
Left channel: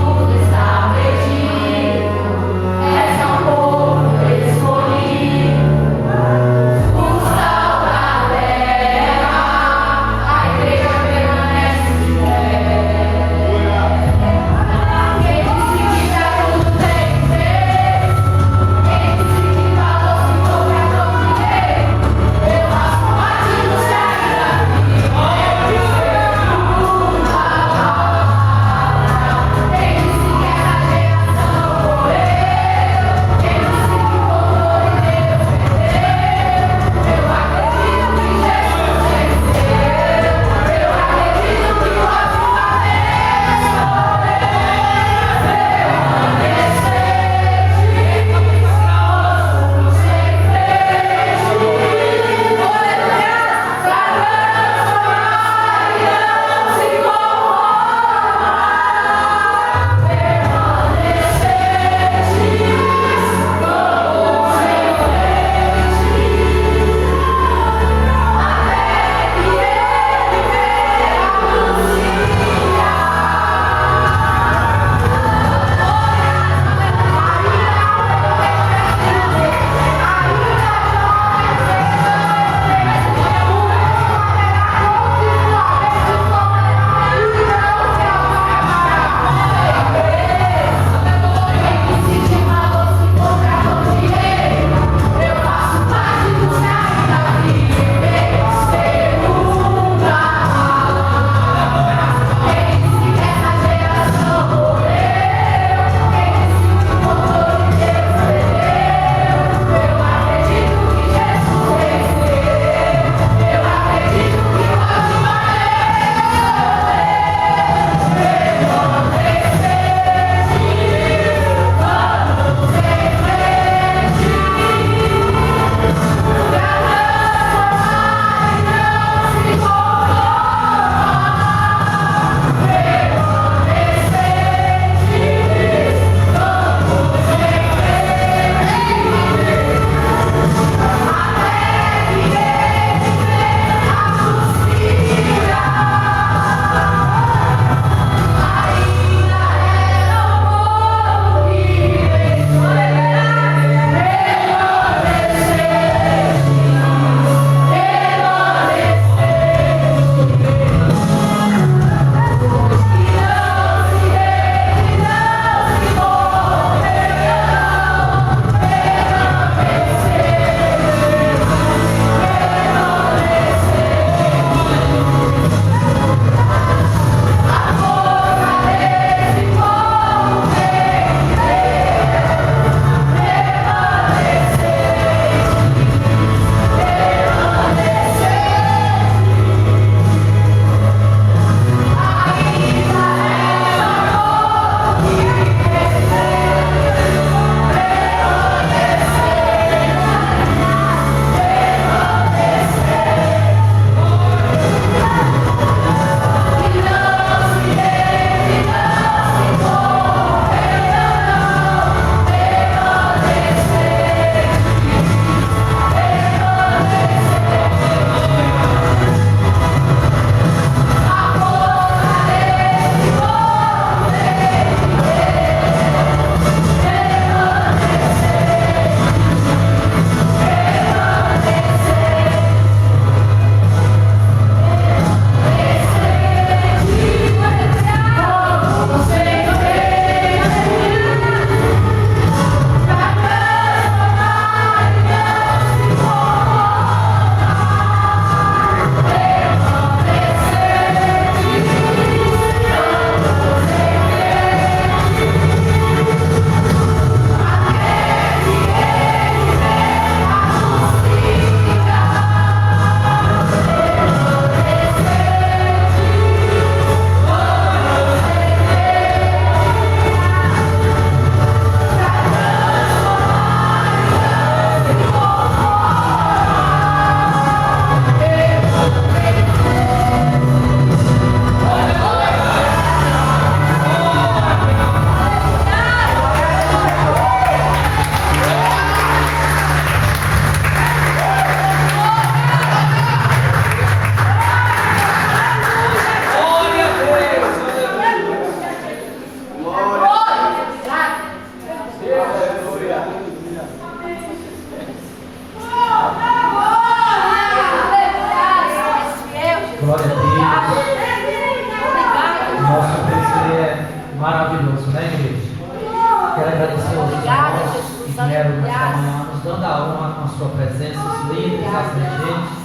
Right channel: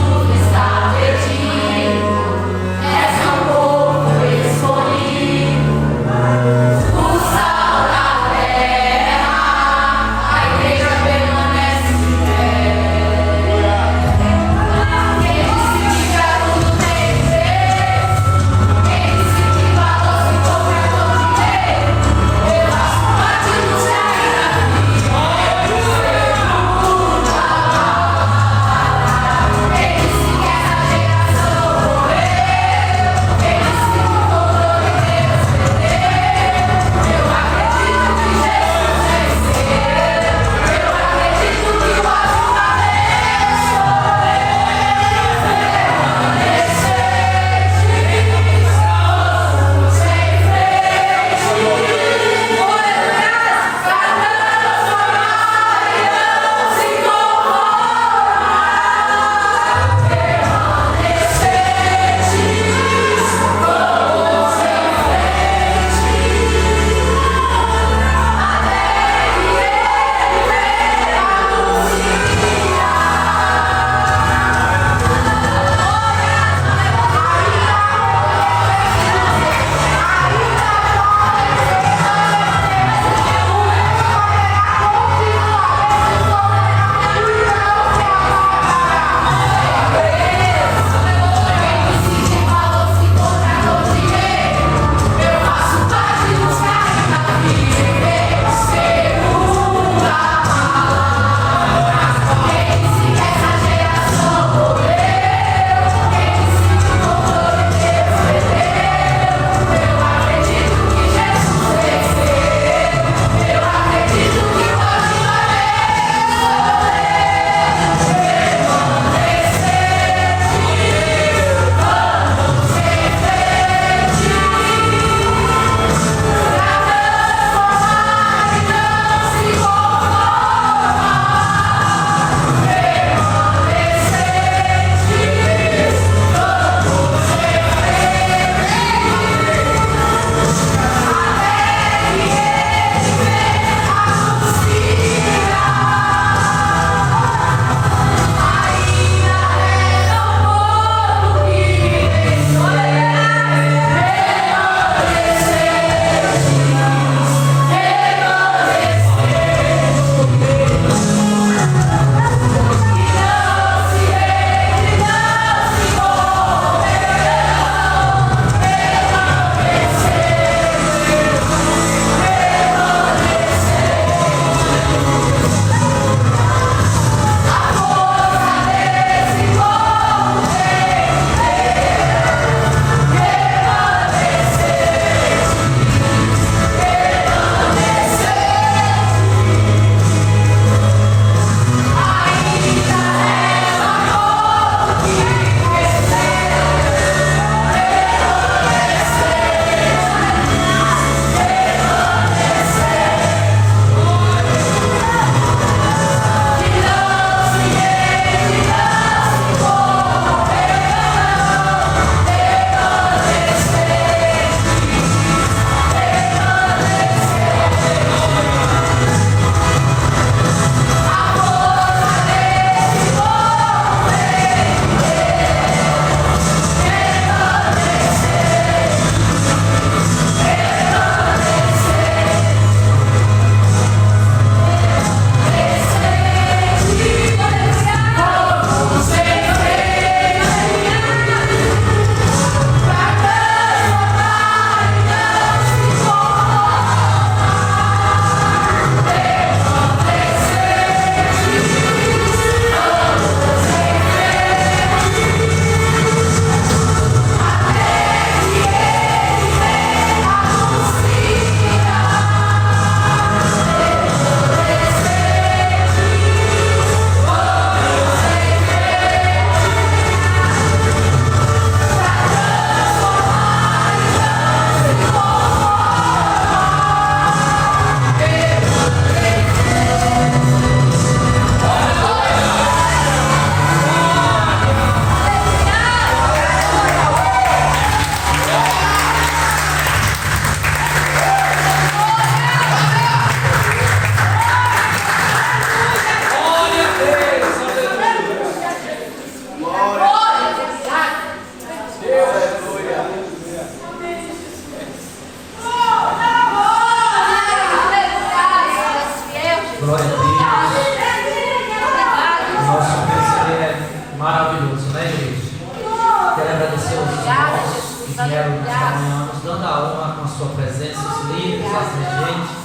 quero nesta manhã nos dando a honra com a sua presença, os líderes, as regentes.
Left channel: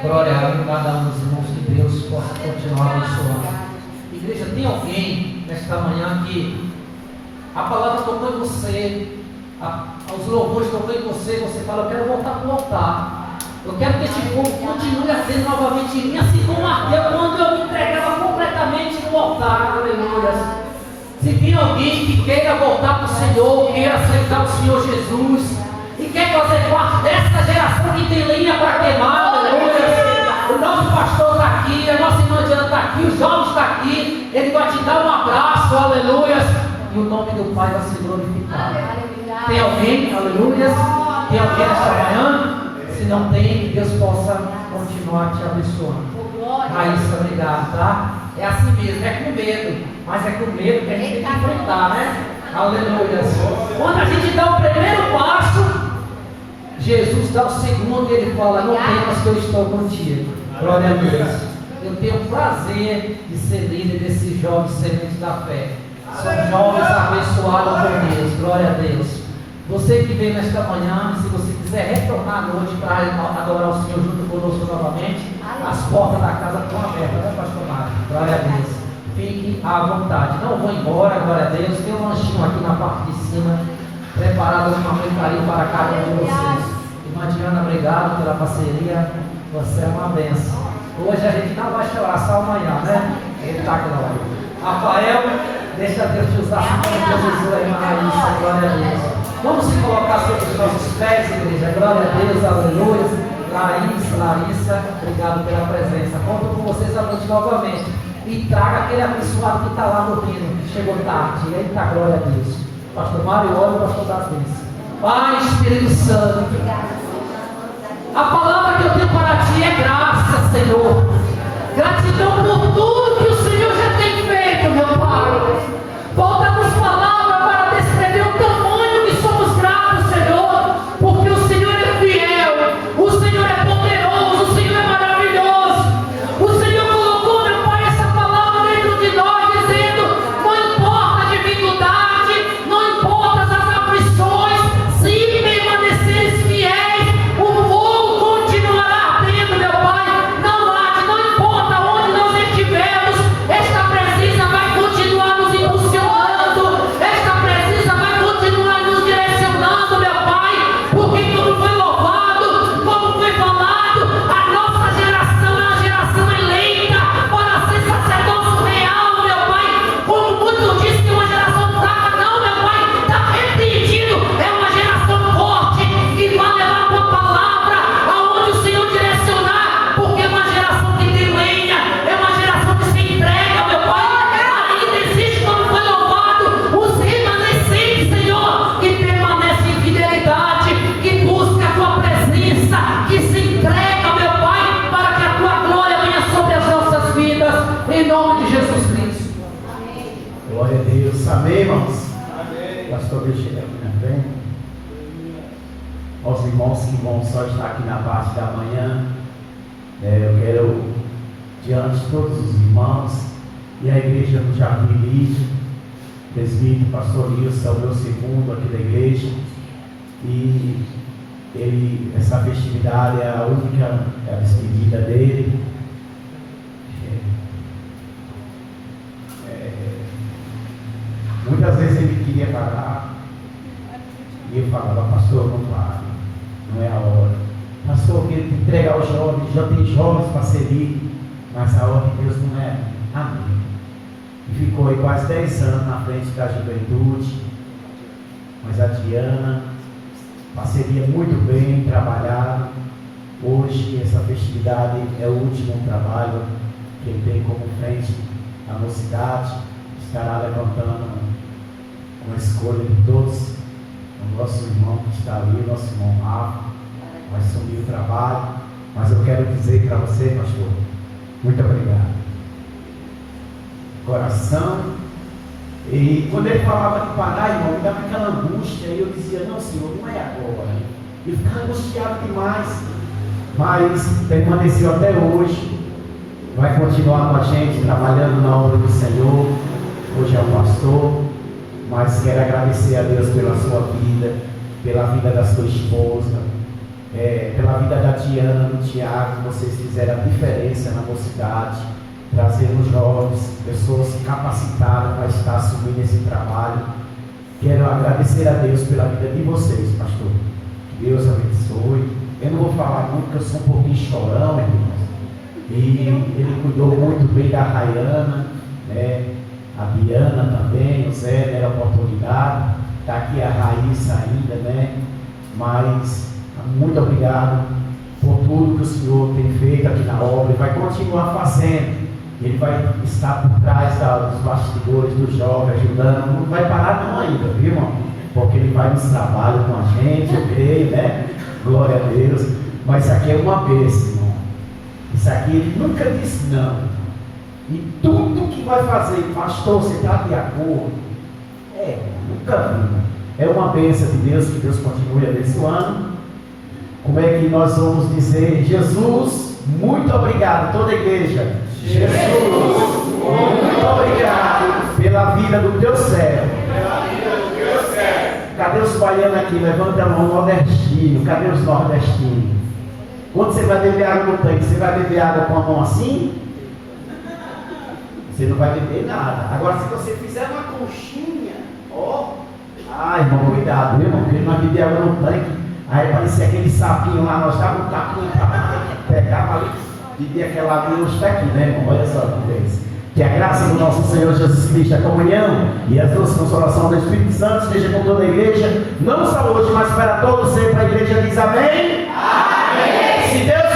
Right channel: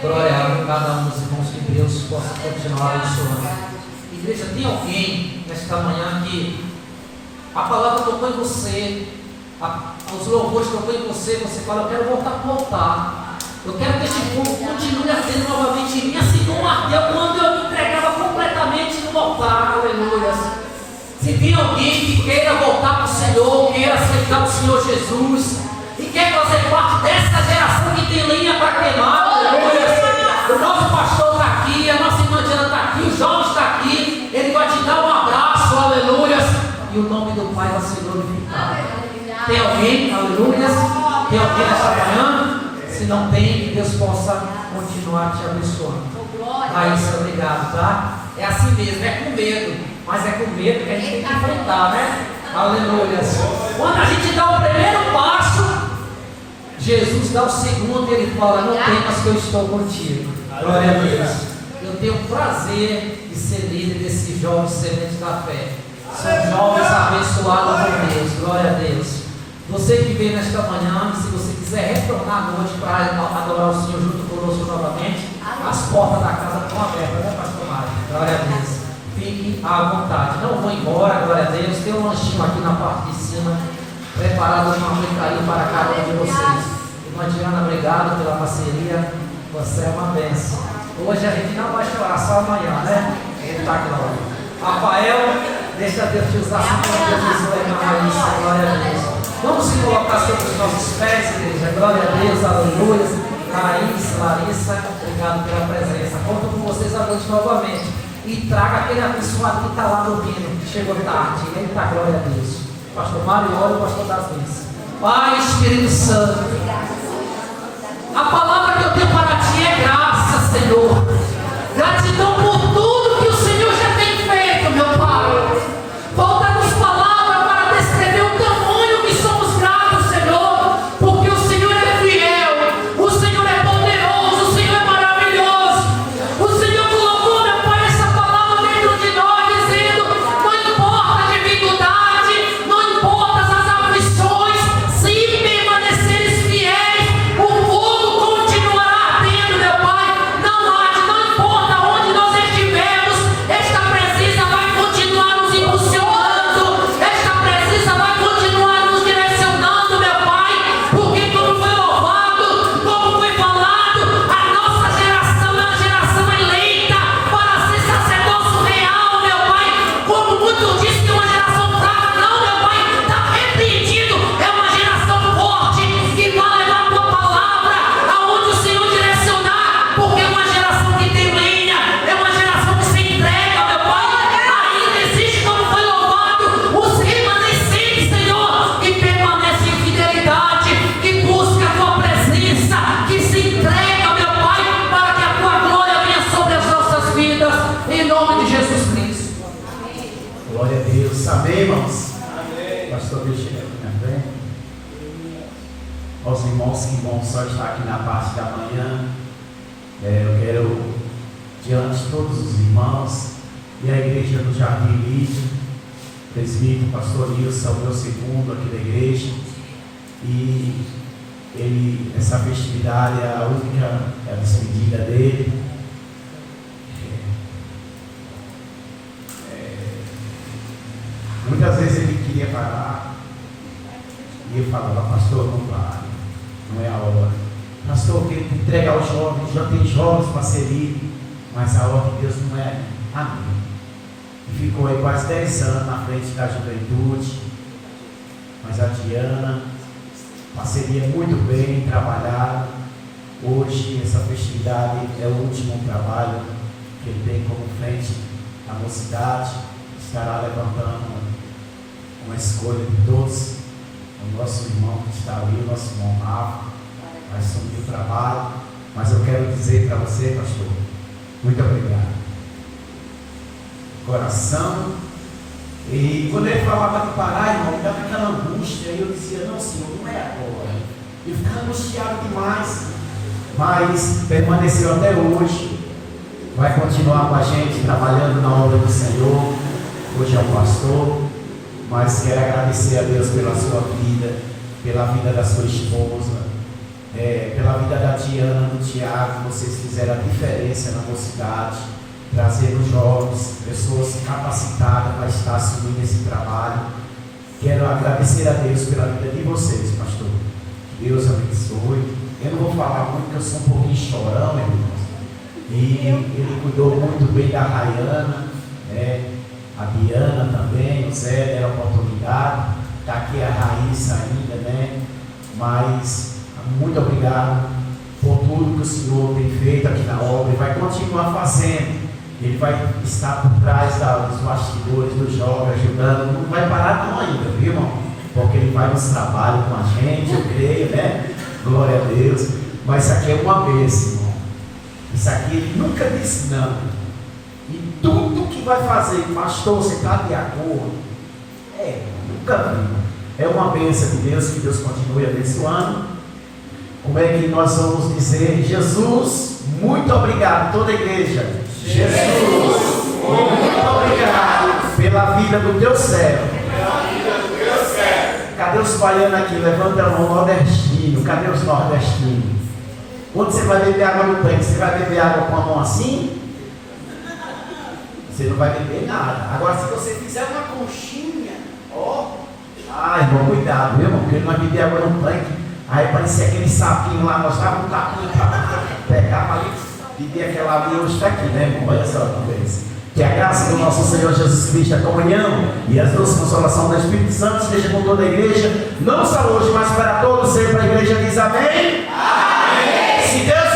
Glória a cada um dos irmãos, que Deus possa continuar abençoando. Igreja, tem alguém nesta manhã que a palavra tocou em você, os louvores tocou em você, você fala, eu quero voltar para o altar. Eu quero que este povo continue ardendo novamente em mim, assim como ardeu quando eu me entregava completamente no altar. Aleluia. Se tem alguém que queira voltar para o Senhor, queira aceitar o Senhor Jesus e quer fazer parte dessa geração que tem lenha para queimar, aleluia. O nosso pastor está aqui, a nossa irmã Diana está aqui, o jovem está aqui, ele vai te dar um abraço, aleluia. E o nome do Pai vai ser glorificado. Tem alguém, aleluia? Tem alguém nesta manhã? Se não tem, que Deus possa continuar te abençoando. Raíssa, obrigado, tá? É assim mesmo, é com medo, mas é com medo que a gente tem que enfrentar, né? Aleluia. Quando a gente dá o primeiro passo, Jesus dá o segundo e ele fala, não temas que eu estou contigo. Glória a Deus. Eu tenho o prazer de ser líder desses jovens sementes da fé. São jovens abençoados por Deus. Glória a Deus. Você que veio nesta manhã, se você quiser retornar hoje para adorar o Senhor junto conosco novamente, as portas da casa estão abertas, né, pastor Mário? Glória a Deus. Fique à vontade. Não vou embora, glória a Deus. Tem um lanchinho aqui na parte de cima, preparado com amor e carinho para cada um de vocês. Irmã Diana, obrigado pela parceria. Você é uma bênção. Hoje a gente não vai chorar, só amanhã, né? Eita glória. Rafael, deixa Deus te usar como Jesus aí na Raíssa, glória a Deus. Vamos se colocar sobre os nossos pés, igreja. Glória a Deus, aleluia. Larissa, obrigado pela presença. Conto com vocês à noite novamente. E traga aquele abençoado que está lá no pino, que chegou tarde. Eita, glória a Deus. Pastor Mário, olha o pastor das bênçãos. Pai, Espírito Santo, a palavra que eu tenho para ti é graça, Senhor. Gratidão por tudo que o Senhor já tem feito, meu Pai. Falta-nos palavras para descrever o tamanho que somos gratos, Senhor, porque o Senhor é fiel, o Senhor é poderoso, o Senhor é maravilhoso. O Senhor colocou, meu Pai, essa palavra dentro de nós, dizendo, não importa a dificuldade, não importa as aflições, se permaneceres fiéis, o fogo continuará ardendo, meu Pai. Não importa onde nós estivermos, esta presença vai continuar nos impulsionando, esta presença vai continuar nos direcionando, meu Pai, porque como foi louvado, como foi falado, a nossa geração é uma geração eleita para ser sacerdócio real, meu Pai. Como muitos dizem que é uma geração fraca, não, meu Pai, está repreendido, é uma geração forte que vai levar a tua palavra aonde o Senhor direcionar, porque é uma geração que tem lenha, é uma geração que se entrega, meu Pai. Ainda existe, como foi louvado, os remanescentes, Senhor, que permanecem em fidelidade, que busca a tua presença, que se entrega, meu Pai, para que a tua glória venha sobre as nossas vidas, em nome de Jesus Cristo. Glória a Deus. Amém, irmãos? Pastor, Deus chega aqui na frente. Aos irmãos que vão só estar aqui na parte da manhã, eu quero, diante de todos os irmãos e a igreja do Jardim Lídio, presbítero, pastor Nilson, é o meu segundo aqui da igreja, e essa festividade é a única, é a despedida dele. Muitas vezes ele queria parar e eu falava, pastor, não pare, não é a hora. Pastor, que ele entrega aos jovens, já tem jovens para servir, mas a hora de Deus não é. Amém. E ficou aí quase 10 anos na frente da juventude, mas a Diana, parceria muito bem trabalhado. Hoje essa festividade é o último trabalho que ele tem como frente à mocidade. Estará levantando uma escolha de todos, o nosso irmão que está ali, o nosso irmão Rafa, vai assumir o trabalho, mas eu quero dizer para você, pastor, muito obrigado. Coração, e quando ele falava de parar, irmão, me dava aquela angústia, e eu dizia, não, Senhor, não é agora. E ficava angustiado demais, mas permaneceu até hoje, vai continuar com a gente, trabalhando na obra do Senhor. Hoje é um pastor, mas quero agradecer a Deus pela sua vida pela vida da sua esposa, pela vida da Diana, do Tiago. Vocês fizeram a diferença na mocidade, trazendo jovens, pessoas capacitadas para estar assumindo esse trabalho. Quero agradecer a Deus pela vida de vocês, pastor. Que Deus abençoe. Eu não vou falar muito, porque eu sou um pouquinho chorão, irmãos. E ele cuidou muito bem da Rayana, né? A Diana também, o Zé deram a oportunidade. Está aqui a Raíssa ainda, né? Mas muito obrigado por tudo que o Senhor tem feito aqui na obra e vai continuar fazendo. Ele vai estar por trás dos bastidores, dos jovens, ajudando. Não vai parar não ainda, viu, irmão? Porque ele vai nos trabalhos com a gente, eu creio, né? Glória a Deus. Mas isso aqui é uma bênção, irmão. Isso aqui ele nunca disse não. E tudo que vai fazer, pastor, você está de acordo? Nunca vi. É uma bênção de Deus, que Deus continue abençoando. Como é que nós vamos dizer? Jesus, muito obrigado, toda a igreja. Jesus, muito obrigado pela vida do teu servo. Cadê os baianos aqui? Levanta a mão, nordestino. Cadê os nordestinos? Quando você vai beber água no tanque, você vai beber água com a mão assim? Você não vai beber nada. Agora, se você fizer uma conchinha, irmão, cuidado, viu, irmão? Porque nós bebemos água no tanque. Aí parecia aquele sapinho lá, nós estávamos um tapinho para pegar ali, beber aquela água e hoje está aqui, né, irmão? Olha só que vez. Que a graça do nosso Senhor Jesus Cristo, a comunhão e as duas consolações do Espírito Santo esteja com toda a igreja, não só hoje, mas para todos sempre. A igreja diz amém? Amém! Se Deus